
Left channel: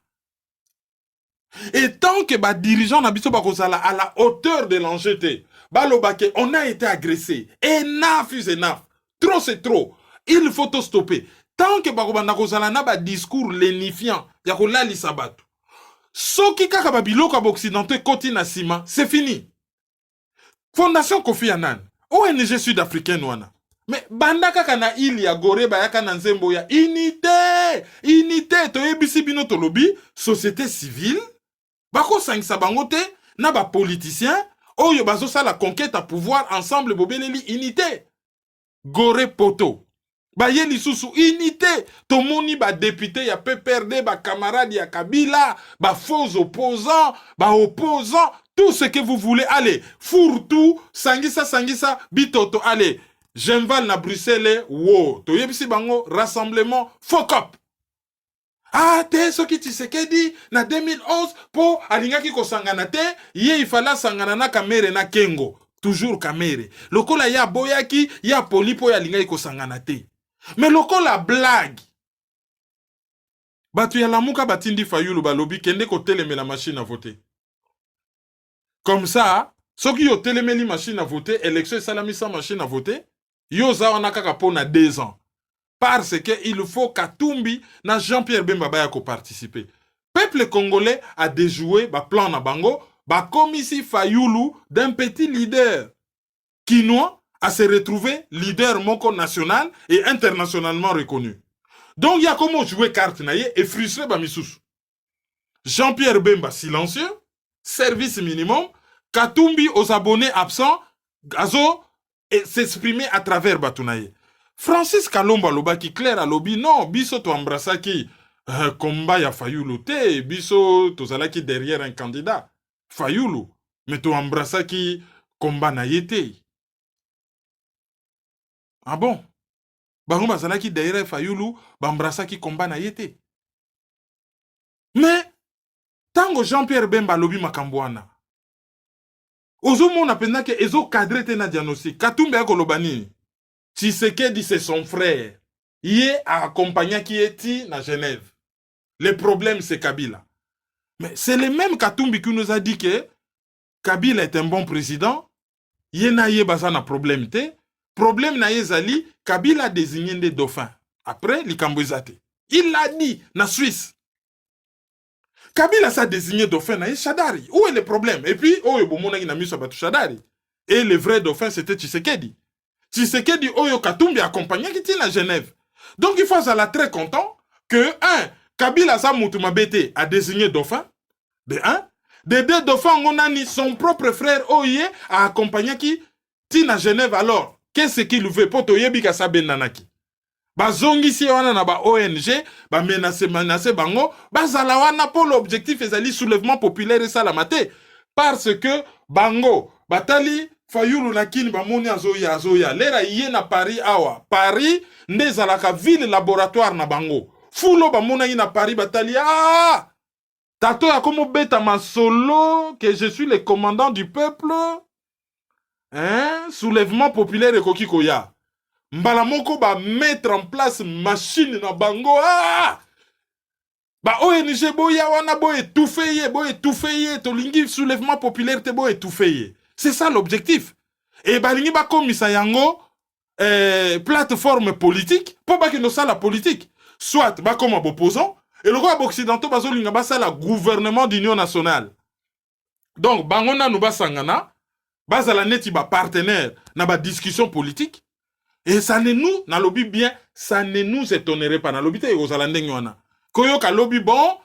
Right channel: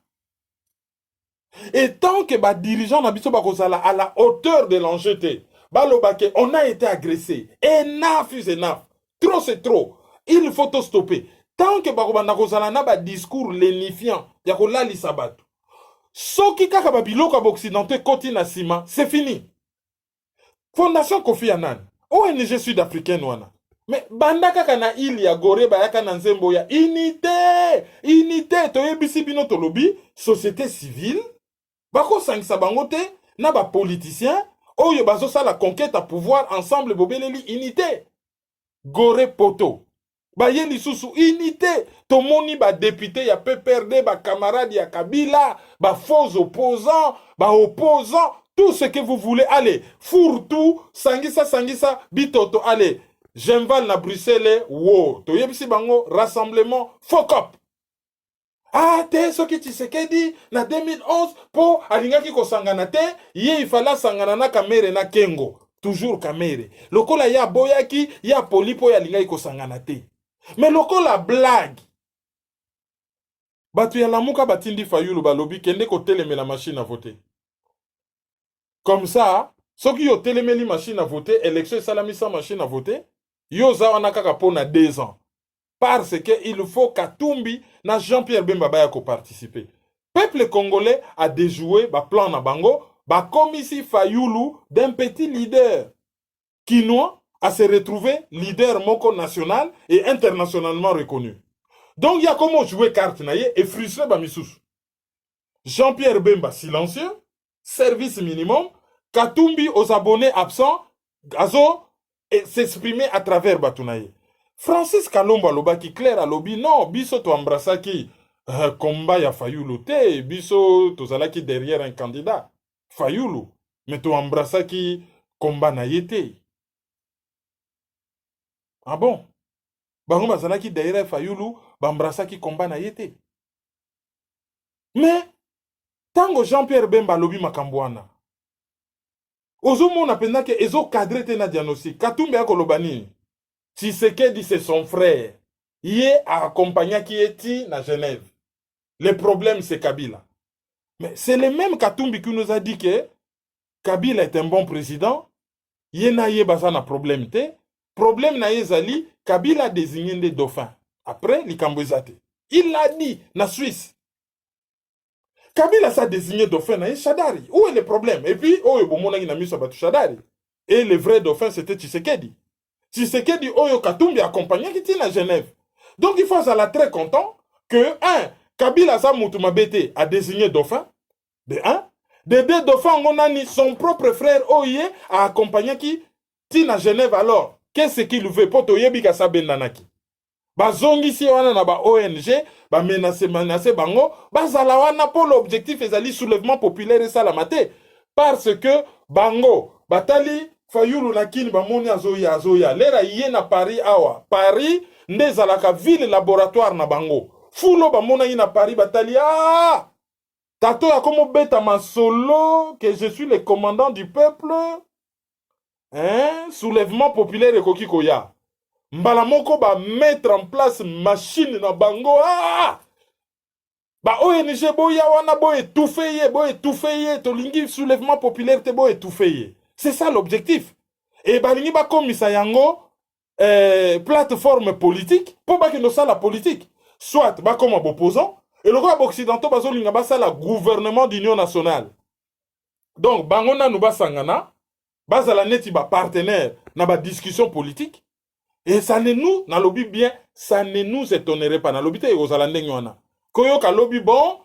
Et tant que les dirigeants à la hauteur de l'enjeu, on a été agressé. Enough is enough. Trop c'est trop. Il faut tout stopper. Tant que les discours lénifiant, soki kaka babiloko occidentaux koti na sima, c'est fini. Fondation Kofi Annan, ONG sud-africaine wana. Mais banda kaka na ili ya gore bayaka na nzembo ya unité, unité toyebisi bino tolobi société civile. Bako sangisa bango te na ba politicien oyo bazo sa la conquête à pouvoir ensemble bobeleli unité. Gore poto. Baye lisusu unité, tomoni ba député ya PPRD, ba camarade ya Kabila, ba faux opposants, ba opposants, tout ce que vous voulez, allez, fourre-tout, sangisa, bitoto, allez, j'invale na Bruxelles, wow, toyebisi bango, rassemblement, fuck up. Ah, te soki Tshisekedi na 2011 po alingaki ko sangana te, ye ifala sangana na Kamere na Kengo, toujours Kamere. Lokola ya boyaki, ya polipo ya lingaki ko sangana te. Mais lokola blague. Batu ya Lamuka batindi Fayulu balobi kende ko teleme la machine à voter. Comme ça, soki yo teleme li machine à voter, élection salami sans machine à voter, yo za wana kaka pona 2 ans. Parce que il faut Katumbi na Jean-Pierre Bemba Baya ko participer. Peuple congolais a déjoué ba plan na bango, ba komisi Fayulu d'un petit leader quinois à se retrouver leader moko national et internationalement reconnu. Donc il y a comment jouer carte naïe et frustrer Bamissous. Jean-Pierre Bemba silencieux, service minimum, Katumbi aux abonnés absents, Gazo et s'exprimer à travers Batunaye. Francis Kalomba loba qui clair à lobby non, biso to embrassa qui combat ya Fayulu te, biso to zalaki derrière un candidat. Fayulu, mais to embrassa qui combat na yete. Ah bon? Bango bazalaki derrière Fayulu, bambrasa ki combat na yete. Mais, tango Jean-Pierre Bemba lobi makambwana. Ozo mona penda ke ezo cadre te na diagnostic. Katumbi ako lobani. Tshisekedi c'est son frère. il est accompagné qui est à Genève. Le problème, c'est Kabila. Mais c'est le même Katumbi qui nous a dit que Kabila est un bon président. Il y a un problème. Le problème, c'est Kabila a désigné des dauphins. Après, les Cambouizate. Il l'a dit, na Suisse. Kabila a désigné dauphin na Chadari. Où est le problème? Et puis, oh, il a mis sur Chadari. Et le vrai dauphin, c'était Tshisekedi. Tshisekedi, oh, Katumbi accompagné qui était à Genève. Donc, il faut être très content que, Kabila Samoutoumabete a désigné dauphin. De un. De deux dauphins, on a mis son propre frère Oye a accompagné qui tina Genève. Alors, qu'est-ce qu'il veut pour Toyebi Kasabe Nanaki? Bazongi si on a ba ONG, ba menace bango, bazalawana pour l'objectif ezali soulèvement populaire et salamate. Parce que bango, batali fayulu nakini bamoni azoya. Lera yé na Paris awa. Paris, nezalaka ville laboratoire na bango. Fulo bamona yi na Paris batali Tato ya komo beta masolo que je suis le commandant du peuple. Hein? Soulèvement populaire et kokikoya. Mbala moko ba mettre en place machine na bango. Ba ONG boya wana bo étouffé tolingi soulèvement populaire te bo étouffé. C'est ça l'objectif. Et balingi ba komisa yango plateforme politique pour ba que ça la politique. Soit ba comme opposant. Et le roi occidentaux bazolinga basa la gouvernement d'union nationale. Donc bangona nous basangana basa la neti ba partenaire na ba discussion politique et ça ne nous na lobby bien ça ne nous étonnerait pas na lobby te aux alandeng yona. Koyo ka lobby bon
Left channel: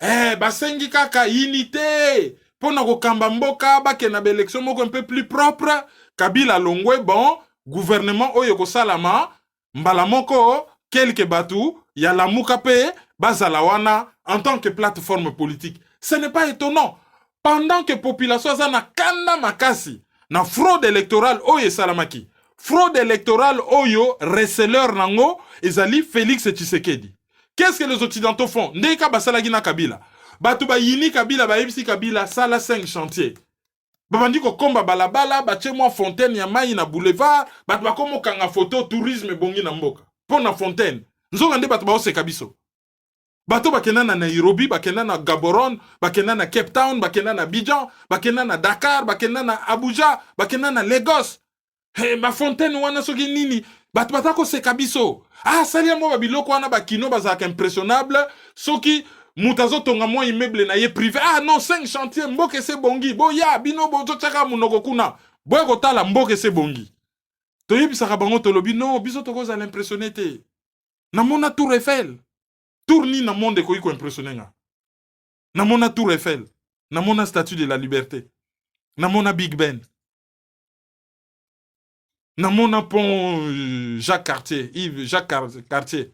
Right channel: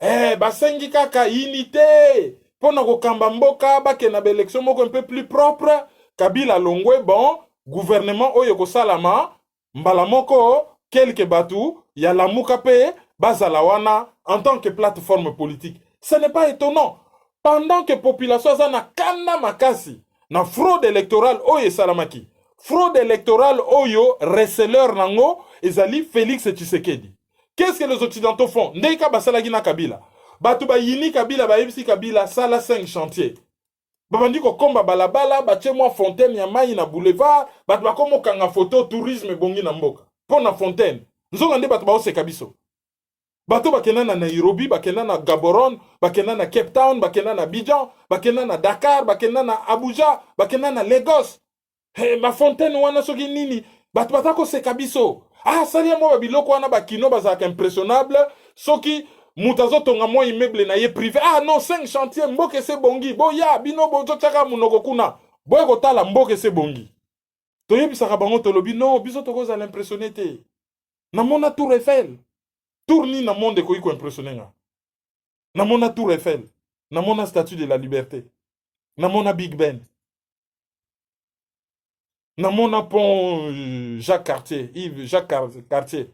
basengi kaka unité pour na ko kamba mboka ba ke na élection moko un peu plus propre Kabila longwe bon gouvernement oyo ko salama mbala moko quelques batu ya la mukape Bazalawana en tant que plateforme politique. Ce n'est pas étonnant. Pendant que la population a kanda makasi, na fraude électorale oye salamaki. Fraude électorale oyo receleur nango ezali Félix Tshisekedi. Qu'est-ce que les occidentaux font? Ndeka basalagi na Kabila. Batu ba yini Kabila ba ebisi Kabila sala 5 chantiers. Babandi ko komba balabala, bache moi fontaine ya mai na boulevard, batu ba komo kanga photo tourisme bongi na mboka. Pour na fontaine. Nzonga nde batu ba ose kabiso. Bato bakena na Nairobi, bakena na Gaborone, bakena na Cape Town, bakena na Abidjan, bakena na Dakar, bakena na Abuja, bakena na Lagos. Ma fontaine wana soki nini, bato batako se kabiso. Salia mo babiloko wana bakino bazaka impressionnable, soki mutazo tonga mo immeuble na ye privé. Non, 5 chantiers, mboke se bongi. Boya, bino bozo tsaka munoko kuna. Boya kotala mboke se bongi. Toyebisaka bango tolobi, non, biso toko za l'impressionné te. Namona Tour Eiffel. Tourni na monde ko impressionné nga. Na mona Tour Eiffel, na mona Statue de la Liberté, na mona Big Ben, na mona pont Jacques Cartier,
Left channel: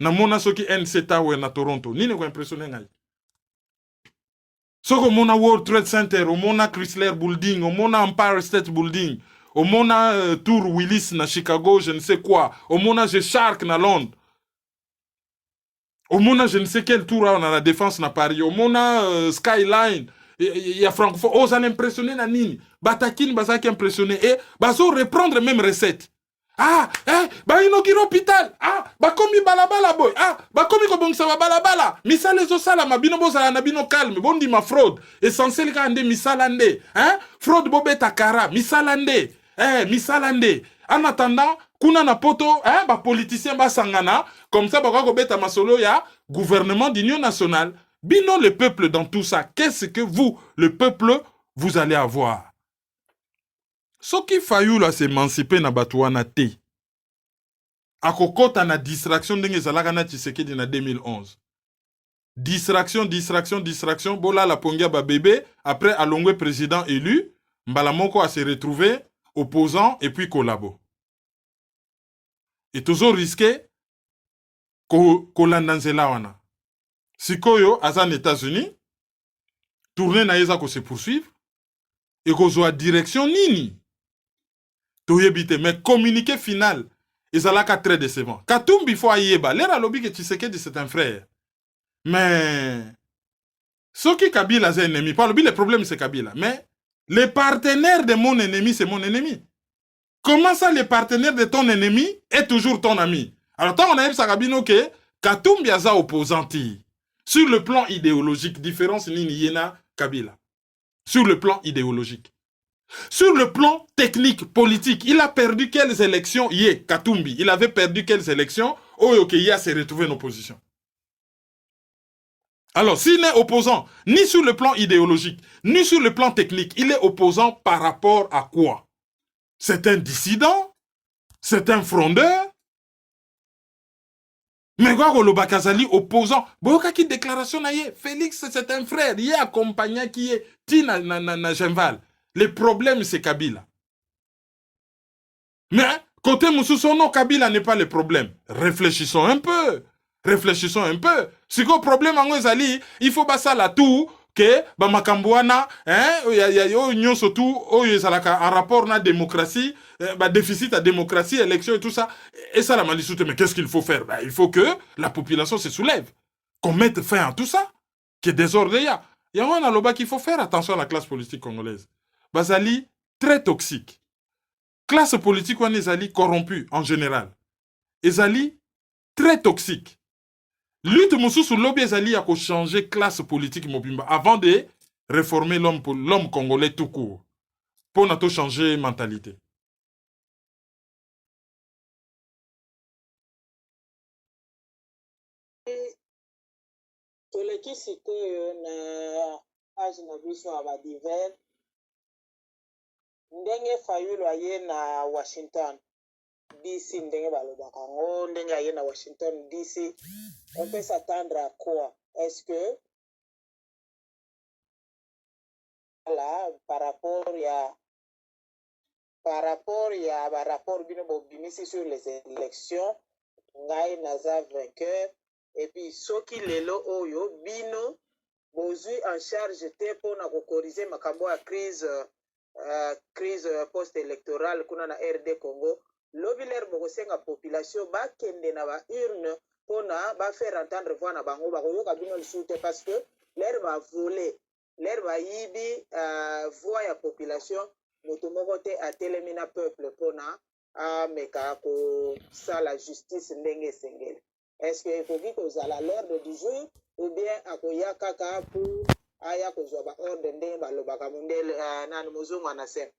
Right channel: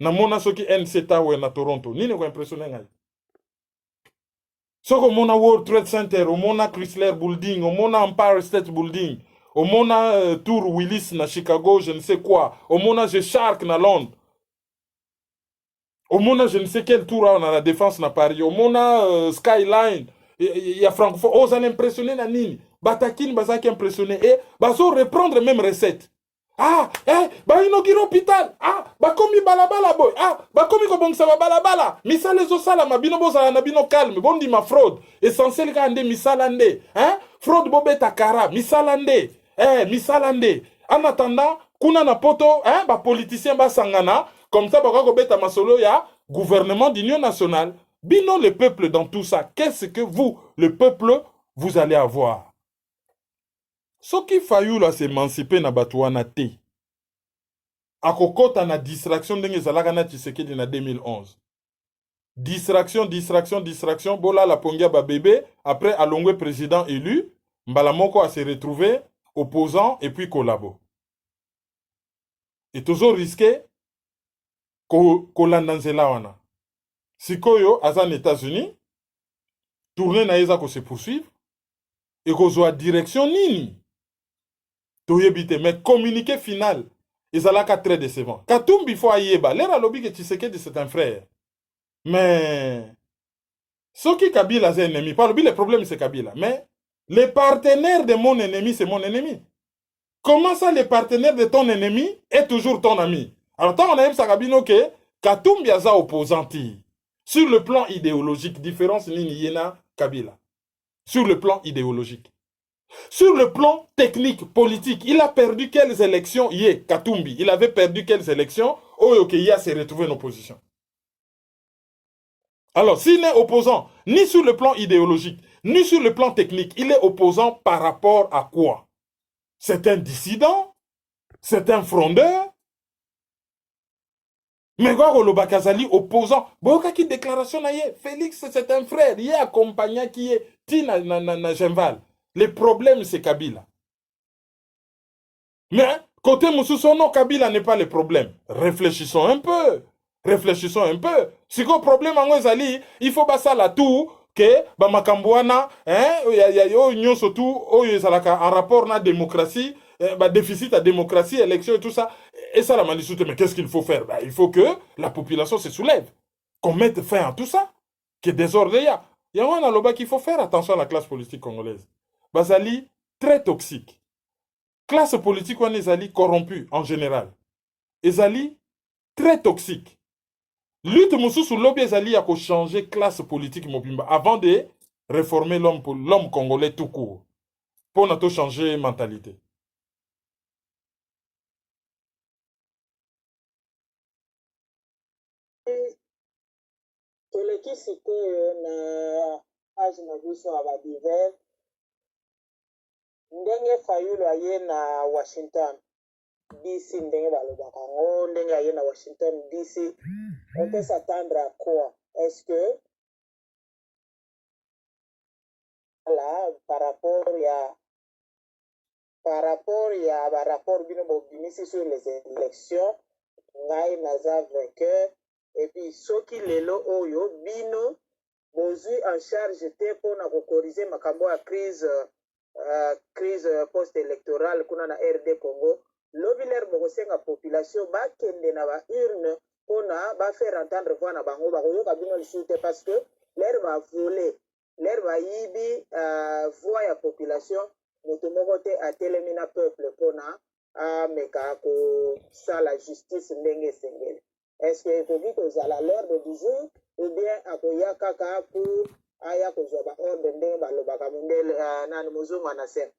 na mona soki NC Tower na Toronto, nini ko impressionné nga. Soko mona World Trade Center, o mona Chrysler Building, o mona Empire State Building, o mona Tour Willis na Chicago, je ne sais quoi, o mona G-Shark na Londres. Au Mona, je ne sais quel tour on a la défense na Paris. Au Mona Skyline, il y a Francfort. Oh, ça impressionné na nini. Batakin, bazaki impressionné. Et bazo reprendre même recette. Ba inogiro hôpital. Ba komi balabala boy. Ba komi ko bongsa ba balabala. Misale zo sala mabino boza na bino calme. Bondi ma fraude. Essentiel ka ande misalande. Fraude bobeta kara. Misalande. Misalande. En attendant, kuna na poto, ba politicien ba sangana. Comme ça, bako beta masolo ya gouvernement d'union nationale. Bino le peuple dans tout ça. Qu'est-ce que vous, le peuple, vous allez avoir? Ce qui faillu là s'émanciper na batouana te. Akokota na distraction d'enge zalaka na Tshisekedi na 2011. Distraction. Bola la pongia ba bébé. Après, alongwe président élu. Mbalamoko a se retrouvé opposant et puis collabo. Et toujours risqué kolanda nzela wana. Sikoyo aza na États-Unis, tourner na yeza ko se poursuivre et kozwa direction nini. Toyebite mais communiqué final ezalaka très décevant. Katumbi fo ayeba, lera lobi que Tshisekedi c'est un frère. Mais ce qui Kabila c'est ennemi, pas le problème c'est Kabila, mais les partenaires de mon ennemi c'est mon ennemi. Comment ça, les partenaires de ton ennemi est toujours ton ami? Alors, tant on a eu Sakabino que Katumbi aza opposanti. Sur le plan idéologique, différence ni Yena Kabila. Sur le plan idéologique. Sur le plan technique, politique, il a perdu quelles élections? Katumbi, il avait perdu quelles élections? Oyokeya s'est retrouvé en opposition. Alors, s'il est opposant, ni sur le plan idéologique, ni sur le plan technique, il est opposant par rapport à quoi? C'est un dissident? C'est un frondeur? Mais quoi, le Bakazali opposant? Boka qui déclaration na ye, Félix c'est un frère, il est accompagné qui est Tina na Genval. Le problème c'est Kabila. Mais côté Moussoussono, Kabila n'est pas le problème. Réfléchissons un peu. Réfléchissons un peu. Si le problème en Zali, il faut passer la tout que Bamakambouana, il surtout en rapport à la démocratie, déficit à démocratie, élection et tout ça. Et ça, la malisoute, mais qu'est-ce qu'il faut faire? Il faut que la population se soulève, qu'on mette fin à tout ça, que désordre il y a. Il y a un loba qu'il faut faire attention à la classe politique congolaise. Bazali, très toxique. Classe politique, on est corrompue en général. Ezali, très toxique. Lutte sur lobby Ezali a changer classe politique mobimba avant de réformer l'homme congolais tout court. Pour nous changer mentalité. toleki sikoyo na page na biso ya badiver ndenge Fayulu aye na Washington DC, ndenge balobaka ngo ndenge aye na Washington DC, on peut s'attendre à quoi? Est-ce que là par rapport ya rapport bino bobimisi sur les élections ngai naza vainqueur, et puis soki lelo oyo bino bozwi en charge te mpona kokorriger makambo ya crise post-électorale kuna na RD Congo, lobi lere bokosenga population bakende na baurne mpona bafaire entendre voix na bango bakoyoka bino lisusu te, parce que lere bavole lere bayibi voix ya population, moto moko te atelemi na peuple mpona ameka kosala justice ndenge esengeli. Est-ce que ekoki kozala l'ordre du jour ou bien akoya kaka pour aya kozwa baordre ndenge balobaka mondele nani mozungu anasema?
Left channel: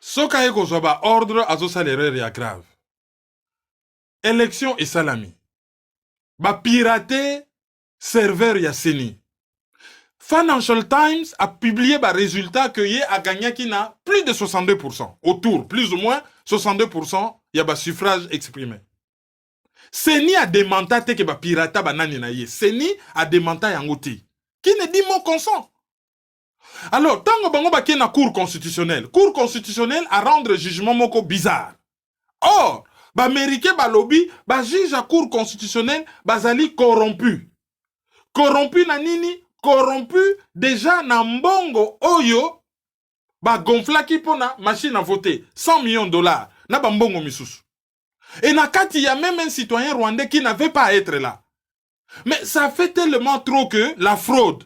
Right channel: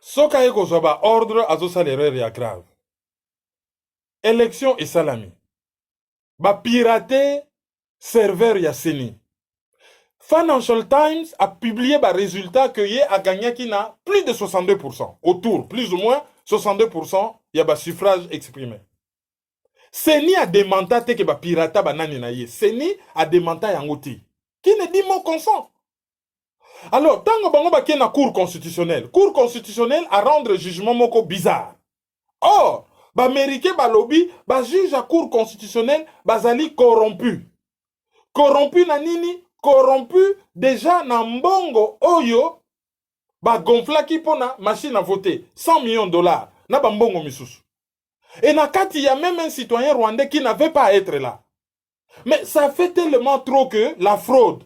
Soka ye kozwa baordre azosala erreur ya grave. Élection esalami. Bapirate serveur ya Seni. Financial Times a publié le résultat que Yé a gagné qui n'a plus de 62%. Autour, plus ou moins 62%, il y a un suffrage exprimé. Seni a démanté que le pirata banani na Yé. Seni a démanté Yangoti. Qui ne dit mot consent. Alors, tant que bango baki na cour constitutionnelle a rendre jugement moko bizarre. Or, l'Américain balobi, juge à cour constitutionnelle, bazali corrompu. Corrompu na nini? Corrompu déjà na mbongo oyo ba gonflaki pona machine à voter 100 millions de dollars na bambongo misusu. Et na kati y a même un citoyen rwandais qui n'avait pas à être là. Mais ça fait tellement trop que la fraude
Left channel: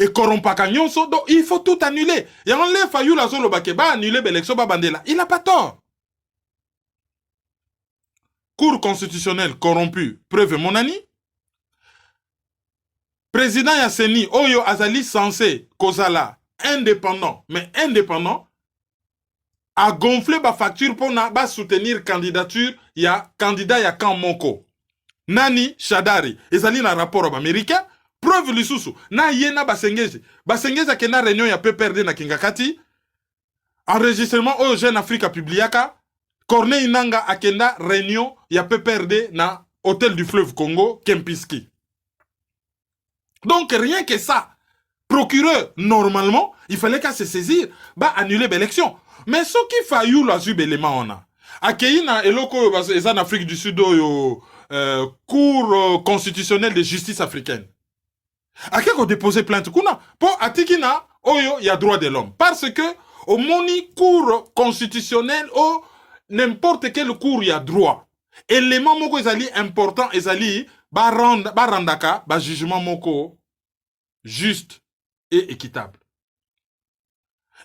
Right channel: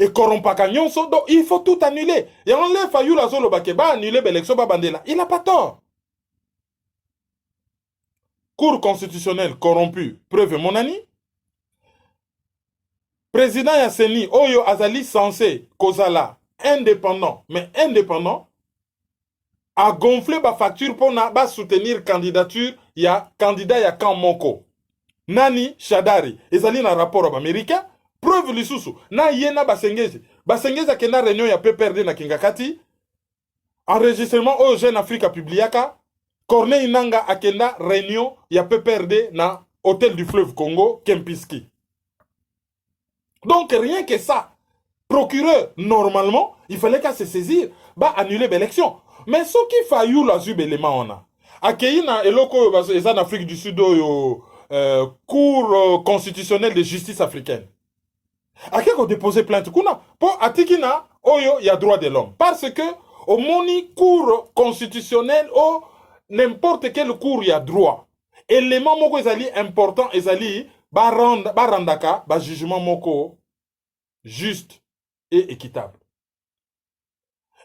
et corrompaka nyonso, donc il faut tout annuler. Et on l'a fallu la zolo bakeba annuler l'élection ba bandela. Il n'a pas tort. Cour constitutionnelle corrompue, preuve mon ami. Président Yasseni, Oyo Azali censé, Kozala, indépendant, mais indépendant, a gonflé ma facture pour soutenir candidature, il y a candidat ya Kamoko. Nani Shadari, Ezali na rapport américain, preuve lisusu, na yena basengezi. Basengezi a kena réunion ya PPRD na Kingakati, enregistrement Oyo Jeune Afrique publiaka, Corneille Nanga a kena réunion ya PPRD na Hôtel du Fleuve Congo, Kempiski. Donc rien que ça, procureur, normalement, il fallait qu'à se saisir, annuler l'élection. Mais ce qui faillit la zube élément on a. Akeina eloko en Afrique du Sud cour constitutionnelle de justice africaine. Akeko déposer plainte kuna pour atikina oyo y a droit de l'homme parce que au moni cour constitutionnelle ou n'importe quel cour y a droit. Élément moko ezali important ezali barandaka jugement moko juste et équitable.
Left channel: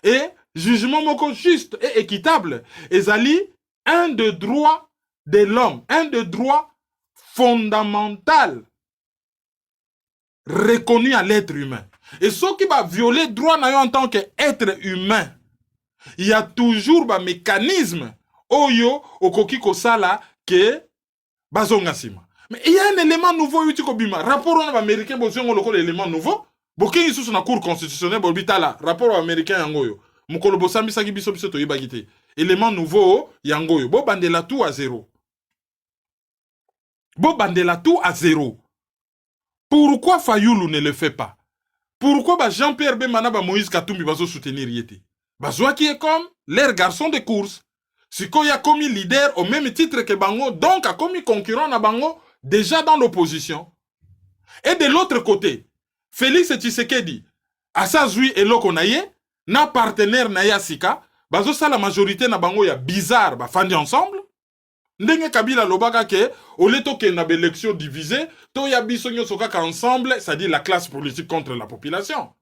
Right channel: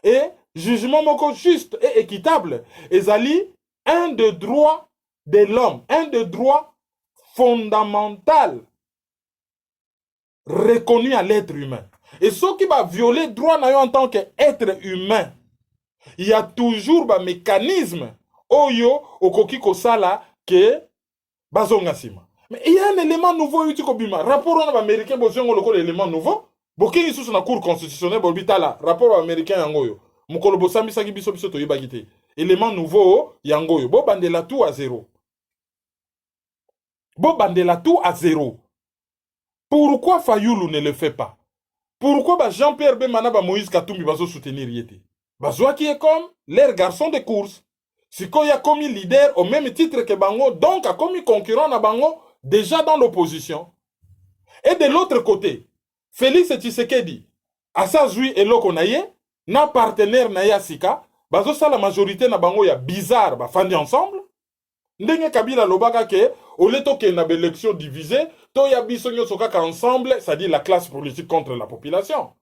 Et jugement moko juste et équitable ezali un de droit de l'homme, un des droits fondamentaux reconnus à l'être humain. Et ce qui va violer le droit en tant qu'être humain, il y a toujours un mécanisme oyo okoki kosala ke bazongasima. Mais il y a un élément nouveau uti kobima. Rapport on américain bozongo lokolo élément nouveau. Bokingi sous na cour constitutionnelle bobitala rapport américain yangoyo. Mukolo bosambisa ki biso biso to yibagite. Élément nouveau yangoyo. Bo bandela tout à zéro. Bo bandela tout à zéro. Pourquoi Fayoulou ne le fait pas? Pourquoi Jean-Pierre Bemana Moïse Katumbi va soutenir Yeti? Bazoua qui est comme leur garçon de course. Siko a commis leader au même titre que Bango, donc a commis concurrent à Bango déjà dans l'opposition. Et de l'autre côté, Félix Tshisekedi, Asazui et Lokonaye, na partenaire Naya Sika, bazo sa la majorité na Bango ya bizarre, ba fandi ensemble. Ndenge Kabila Lobaka ke, au leto ke na élection divisée, to ya bisonyo sokaka ensemble, c'est-à-dire la classe politique contre la population.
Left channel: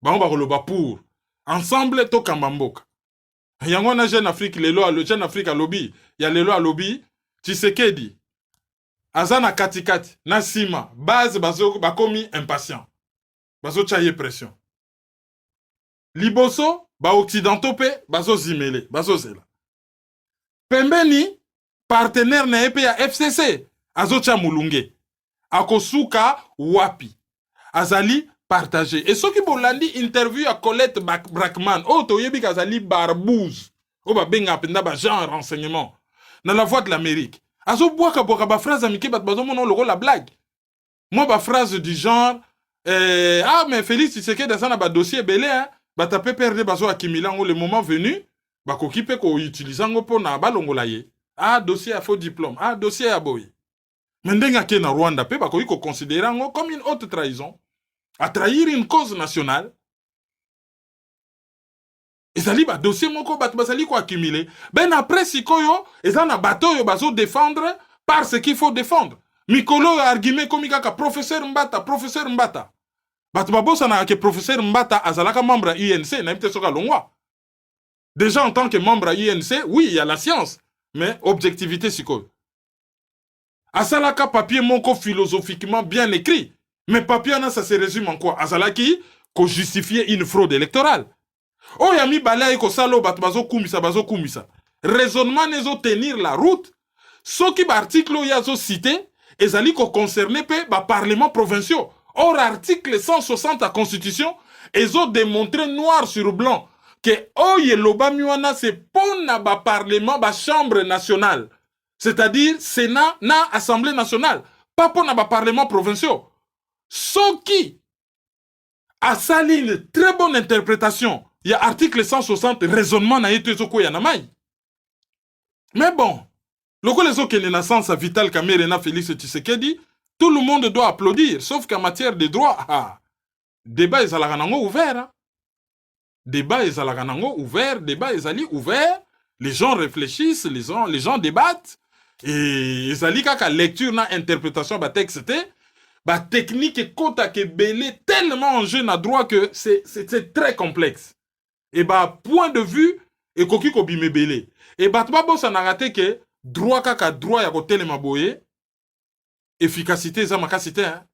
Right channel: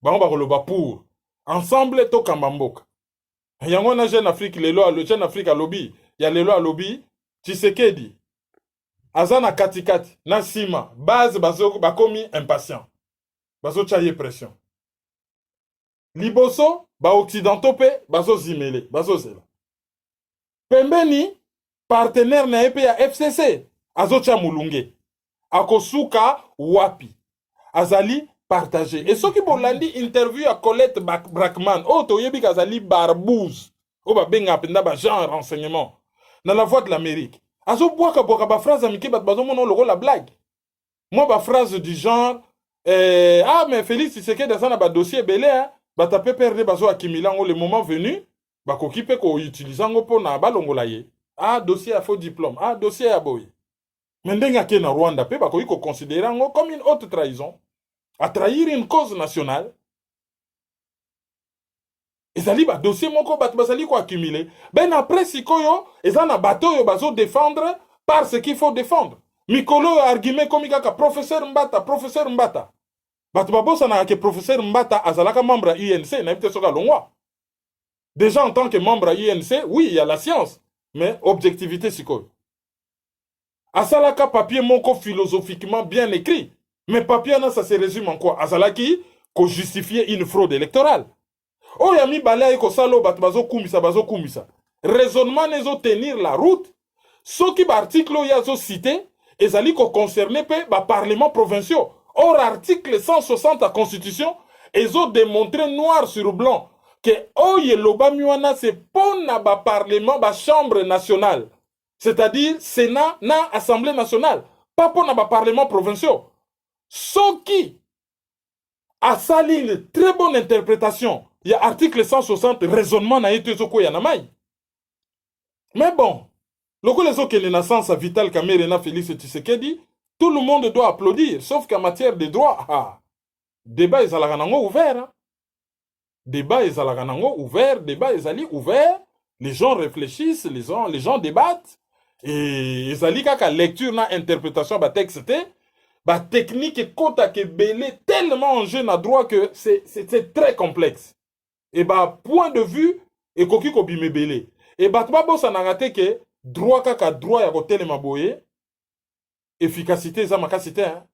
Bango ba roloba pour. Ensemble, to Kambamboka. Yango na Jeune Afrique, le Jeune Afrique à lobby, il y a le loi à lobby, Tshisekedi, Azana Katikati, Nasima, base bazo bakomi impatient. Bazo chaye pression. Liboso, ba occidentaux pe, bazo zimele, bazo zela. Pembeni, partenaire na EP ya FCC, azo cha mulunge. Akosuka wapi. Azali partagé. Et ce qui pour l'andi interview à Colette Brackman, oh toyebi kazali barbouze. Oh ba benga penda ba genre renseignement. Dans la voix de l'Amérique. Azo boaka ba phrase amike bat bazo mono logo la blague. Moi ba phrase du genre ah mais Félix Tshisekedi dans ba dossier belé hein, ba tapé perdre bazo akimilango le moment venu, ba kokipe ko utilisant pour na balongola ye. Ah dossier à faux diplôme, ah dossier à boy. Mais ndenga ke na Rwanda pe ba ko considérer comme une haute trahison. À trahir une cause nationale. Et ça li ba dossier moko bat basali ko accumuler. Ben après sikoyo, et ça na bateau yo bazo défendre par ce qu'il faut défendre. Mikolo argument comme kaka professeur Mbata. Bat babosa na ke professeur Mbata azalaka membre à UNC na mte soka longwa. Déjà en tant que membre à UNC, oui, il y a la science, mais objectivité sikoyo. Asalaka papier moko philosophiquement bien écrit. Mais papier, ça se résume en quoi? Azalaki, qu'on justifier une fraude électorale. Oh, yami balai ko salo bat bazo kumisa. Raisonnement nezo tenir la route. Ce qui article yazo cité, ezali ko concerné pe ba parlement provinciaux. Or, article 160 de la Constitution, ezo démontré noir sur blanc que oh yeloba miwana c'est pour na ba parlement ba chambre nationale. C'est-à-dire Sénat na Assemblée nationale, pas pour na ba parlement provinciaux. Ce qui a sali une très bonne interprétation, il y a article 160, raisonnement na été zoko yanamai. Mais bon, lorsque les autres naissance à Vital Kamerhe na Félix Tshisekedi, tout le monde doit applaudir, sauf qu'en matière de droit, débat est à la ouvert. Hein. Débat est à la ouvert, débat est allé ouvert, les gens réfléchissent, les gens débattent, et ils allient qu'à lecture na interprétation ba texte. Bah, technique et kota ke belé tellement en jeu na droit que c'est très complexe. Et bah, point de vue, et koki ko bime belé. Et bah, tu vas na raté que droit kaka droit ya ko telema boye, efficacité za makasité, hein.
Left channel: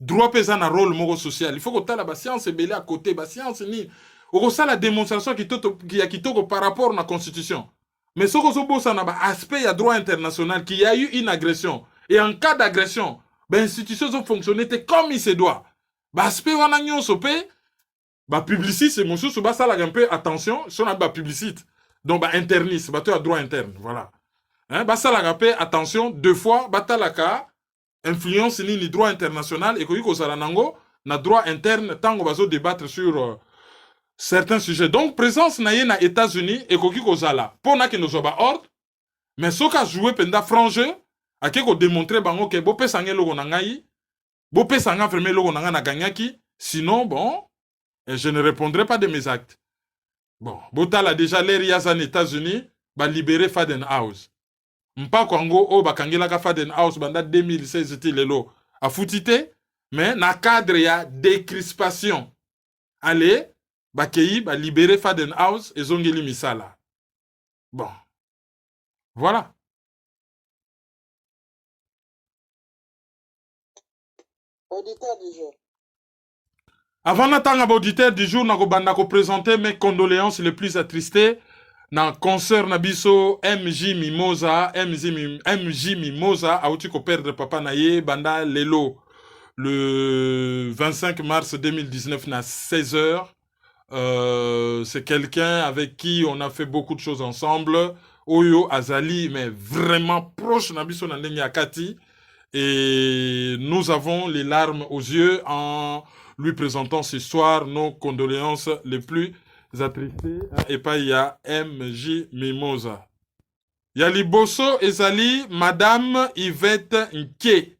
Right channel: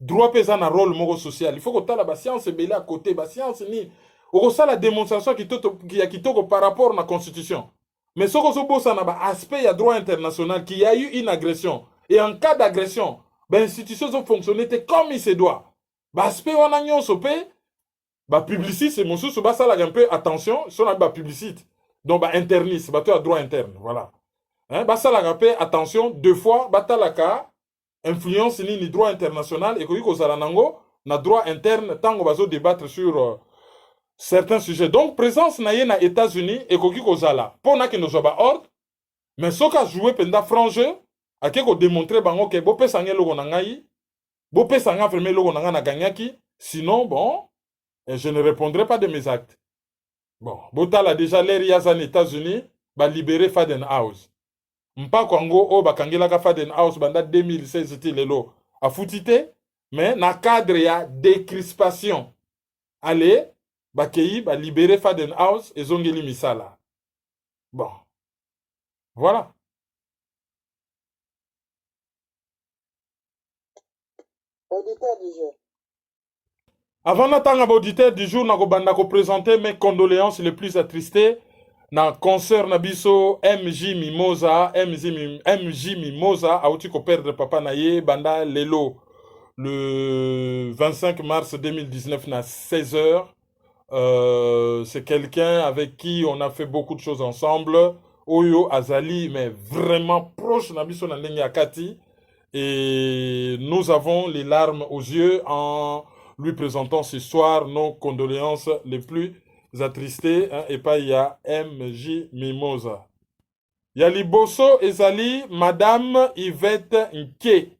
Droit pesa na rôle moko social. Il faut que tala ba science belé à côté, ba science ni. Oko ça la démonstration qui a kitoko par rapport à la constitution. Mais ce que bossa na ba aspect ya droit international qu'il y a eu une agression. Et en cas d'agression, ben institutions ont fonctionné comme il se doit. Bah aspect wana nyonso pe ba publiciste c'est monsieur so ba sala un peu attention sur la ba publicité. Donc ba interniste, ba to droit interne, voilà. Hein ba sala un peu attention deux fois ba talaka influence ni droit international et ko sala nango na droit interne tango bazo débattre sur certains sujets. Donc présence na ye na États-Unis et ko sala pona que nous ba ordre mais soka jouer penda franc ake ko démontrer bango ke bo pesa ngé logo na ngai bo pesa nga vraiment logo na nga na ganyaki sinon bon je ne répondrai pas de mes actes. Bon botala déjà l'air yaza aux États-Unis ba libérer Fadenhouse mpa kwango o bakangela ka Fadenhouse banda 2016 ti lelo a futite mais na cadre ya décrispation allez bakei ba libérer Fadenhouse et zongeli misala. Bon voilà. Auditeur du jour. Avant d'attendre auditeur du jour, je vais présenter mes condoléances les plus attristées na concert Nabiso MJ Mimosa, MJ Mimosa, a outi ko perdre papa naye banda lelo le 25 mars 2019 na 16h. C'est quelqu'un avec qui on a fait beaucoup de choses ensemble. Oyo Azali, mais vraiment proche Nabiso Nandenge Akati. Et nous avons les larmes aux yeux en lui présentant ce soir nos condoléances les plus attristées. Et pas il y a MJ Mimosa. Il y a Liboso Ezali, Madame Yvette Nke.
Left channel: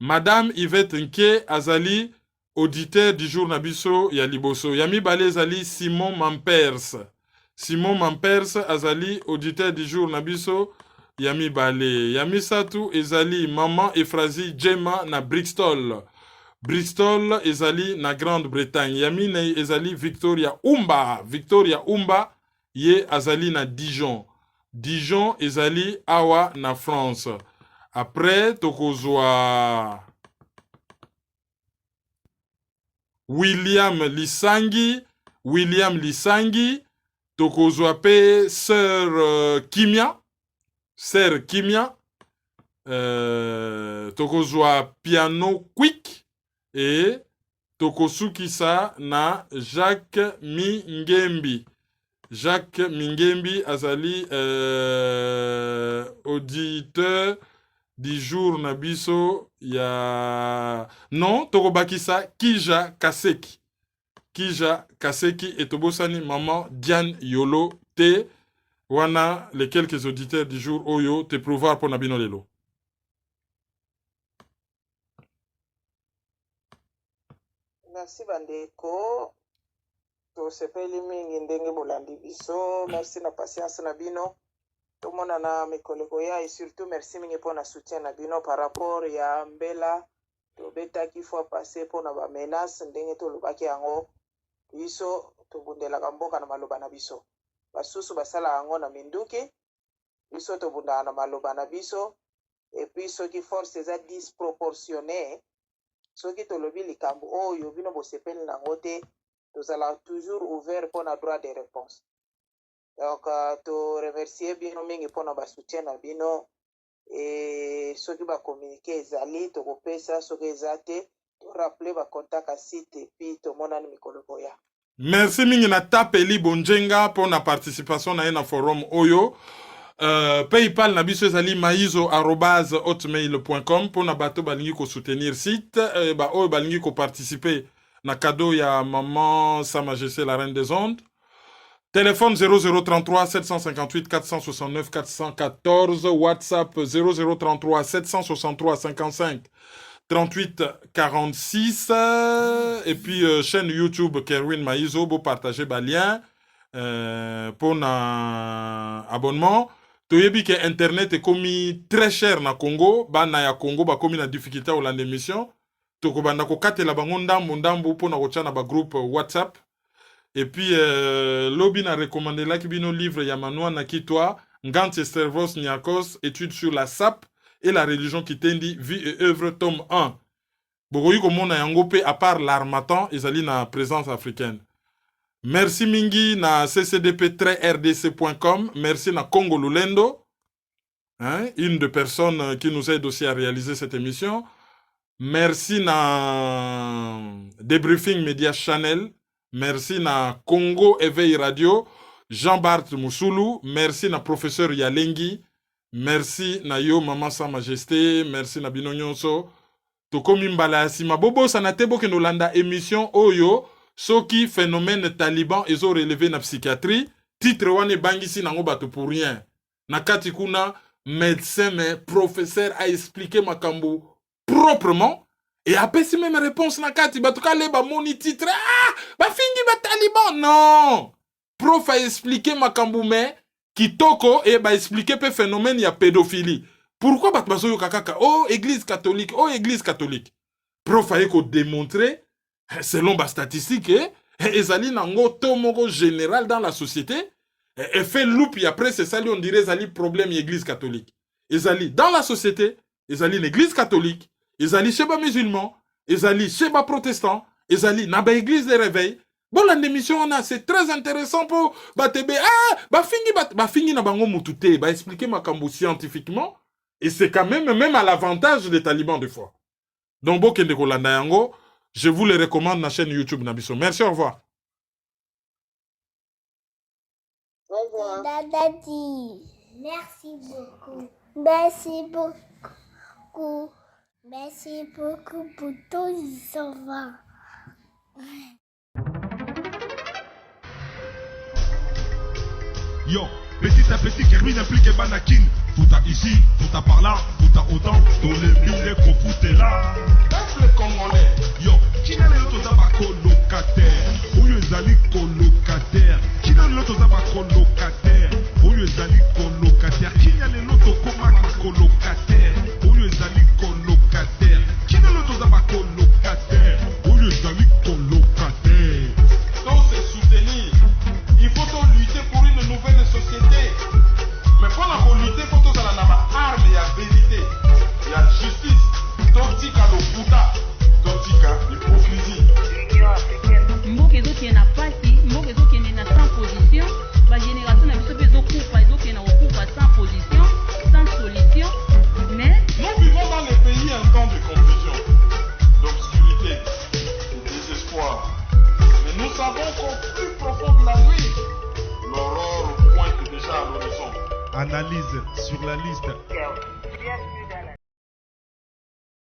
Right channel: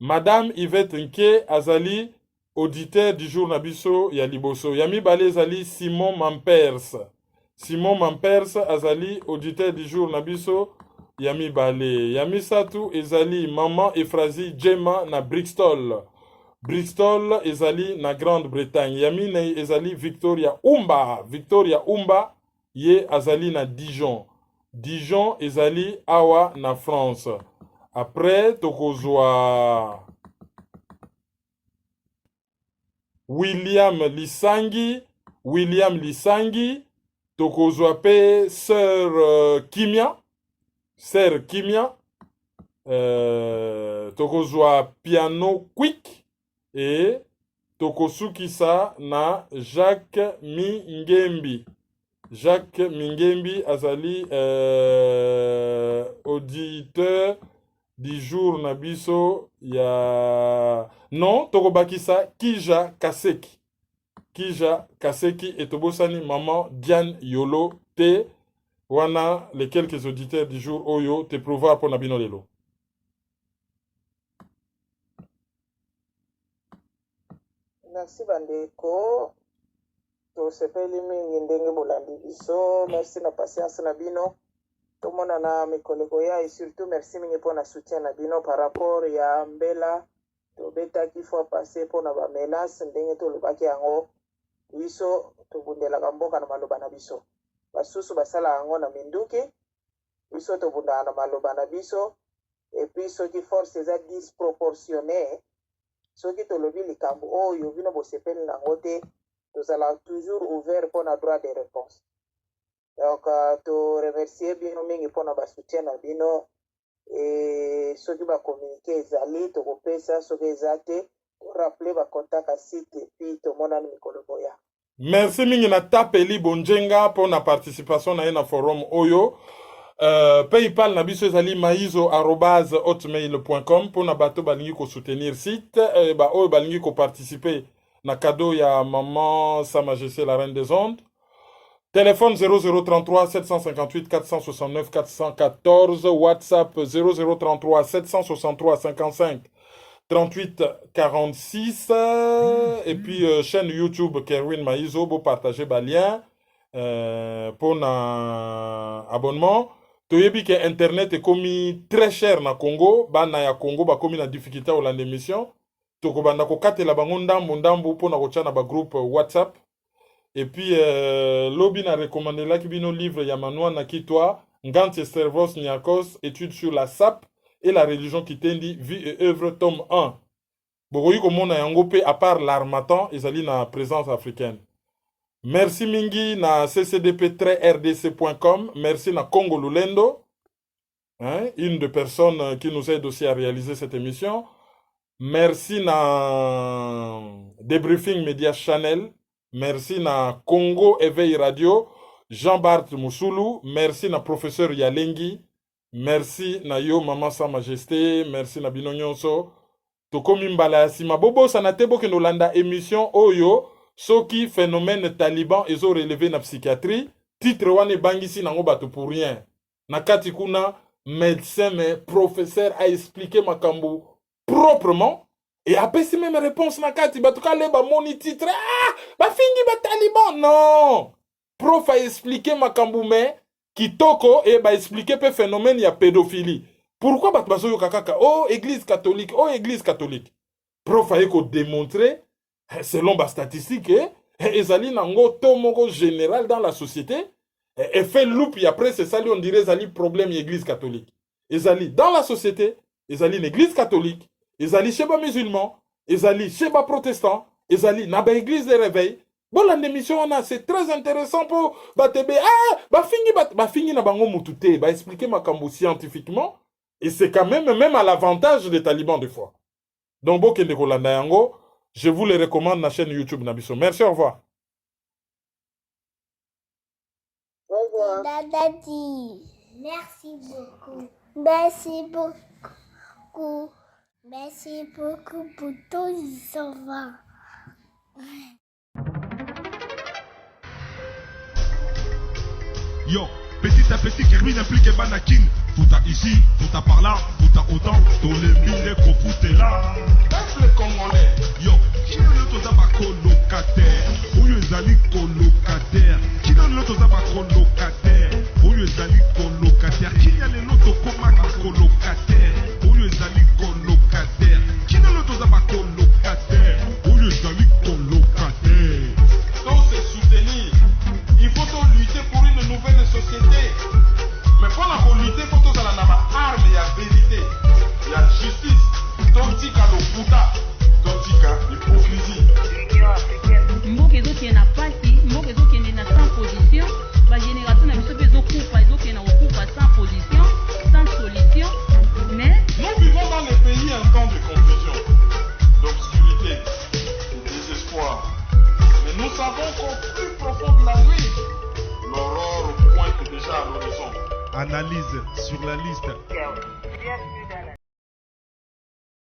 Madame Yvette Nke Azali, auditeur du jour Nabiso, il y a Liboso. Yami Balé Ezali, Simon Mampers. Simon Mampers Azali, auditeur du jour Nabiso. Yami Balé. Yami Satou Ezali, Maman Efrazi Djema na Brixtol. Bristol Ezali na Grande-Bretagne. Yami na Ezali Victoria Umba. Victoria Umba ye Azali na Dijon. Dijon Ezali Awa na France. Après, tokozwa William Lisangi. William Lisangi. Tokozwa pe Sœur Kimia. Sœur Kimia, tokozwa Piano Quick et tokosukisa na Jacques Mingembi. Jacques Mingembi azali auditeur du jour Nabiso ya non tokobakisa Kija Kaseki. Kija Kaseki et tobosani maman Diane Yolo te. Wana les quelques auditeurs du jour Oyo te prouvoir pour Nabino Lelo. Merci bandeko. Tosepeli mingi ndenge bolandi biso. Merci na patience na bino. Tomona na mikoleko ya et surtout merci mingi pour na soutien na bino par rapport ya mbela. Tobetaki fois passé pour na ba menace ndenge tolobaki yango. Biso tobundelaka mboka na maloba na biso. Basusu basala yango na minduki biso tobunda na maloba na biso et puis soki force eza disproportionné soki tolobi likambo oyo bino bosepeli nango te tozala toujours ouvert pour na droit de réponse. Donc to remercier bino mingi pour na basoutien na bino et soki bakommunike ezali tokopesa soki eza te torappeler bakontaka site et puis tomonani mikolo boya. Merci mingi na tapeli bonjenga pour na participation na na forum Oyo. PayPal na biso ezali maizo@hotmail.com pour na bato balingi ko soutenir site ba oyo balingi ko participer na cadeau ya maman Sa Majesté la Reine des Ondes. Téléphone 0033 758 469 414, WhatsApp 0033 763 55 38 46 et puis chaîne YouTube Kerwin Maizo, vous partagez le lien pour un abonnement. Toyebi que internet est commis très cher na Congo, bana ya Congo ba commis na difficulté au land émission. Toko banda ko katela bango ndambo pour na kocha na ba groupe WhatsApp. Et puis lobby na recommandé la kibino livre ya manwa na kitwa Ngantse Servos Niakos, études sur la SAP et la religion qui t'indi, vie et œuvre, tome 1. Bogoyi komona yango pe à part l'armatan, ezali na présence africaine. Merci mingi na ccdp-rdc.com. Merci na Congo Lulendo, hein, une des personnes qui nous aide aussi à réaliser cette émission. Merci na Debriefing Media Channel. Merci na Congo Éveil Radio. Jean-Bart Moussoulou. Merci na professeur Yalengi. Merci na yo maman Sa Majesté, merci na bino nyonso. Tokomi mbala sima bobo sanate boke nolanda émission Oyo soki phénomène taliban ezo relevé na psychiatrie, titre wane bangisi nango bato pour rien. Na kati kuna médecin mais professeur a expliqué makambo proprement et apesi même réponse na kati bato ka leba moni titre ba fingi ba taliban non. Prof a expliqué makambo mais kitoko et ba expliquer pe phénomène ya pédophilie. Pourquoi bat bazo kakaka oh église catholique, oh église catholique. Prof a ko démontrer selon ba statistique ezali nango to moko général dans la société et fait loup et après c'est ça on dirait ezali problème église catholique. Ezali dans la société, ezali l'église catholique, ezali chez ba musulmans, ezali chez ba protestant, ezali na ba église de réveil. Bon, l'émission, c'est très intéressant pour Batebe. Ah, bafingi na bango mutute, ba expliquer ma kambo scientifiquement. Et c'est quand même à l'avantage des talibans des fois. Donc, bon, je vous le recommande na chaîne YouTube Nabiso. Merci, au revoir. Au revoir. Dadadi. Merci beaucoup. Merci beaucoup. Merci beaucoup pour tout les enfants. Yo, petit à petit, Kermine implique Banakin. Tout à ici, tout à par là, tout à autant. Dans les mille qu'on est là. Peuple congolais. Yo, qui n'a le tout à colocataire? Où les amis colocataires? Qui n'a le tout à colocataire? Où les amis colocataires? Qui n'a le tout à colocataire? Où les amis colocataires? Qui n'a le tout à colocataire? Où les amis colocataires? Donc c'est soutenir. Il faut donc lutter pour une nouvelle société. Mais pour la lutter, il faut que ça ait arme, il y a vérité, il y a justice. Totika le Bouddha, Totika l'hypocrisie. Mboka ezokende na pasi, mboka ezokende na sans position, ba génération na biso ezokufa, ezokende na kokufa sans position, sans solution. Mais nous vivons dans les pays un temps de confusion, d'obscurité, de désespoir. Mais nous savons qu'au plus profond de la nuit, l'aurore pointe déjà à l'horizon. Analyse sur la liste.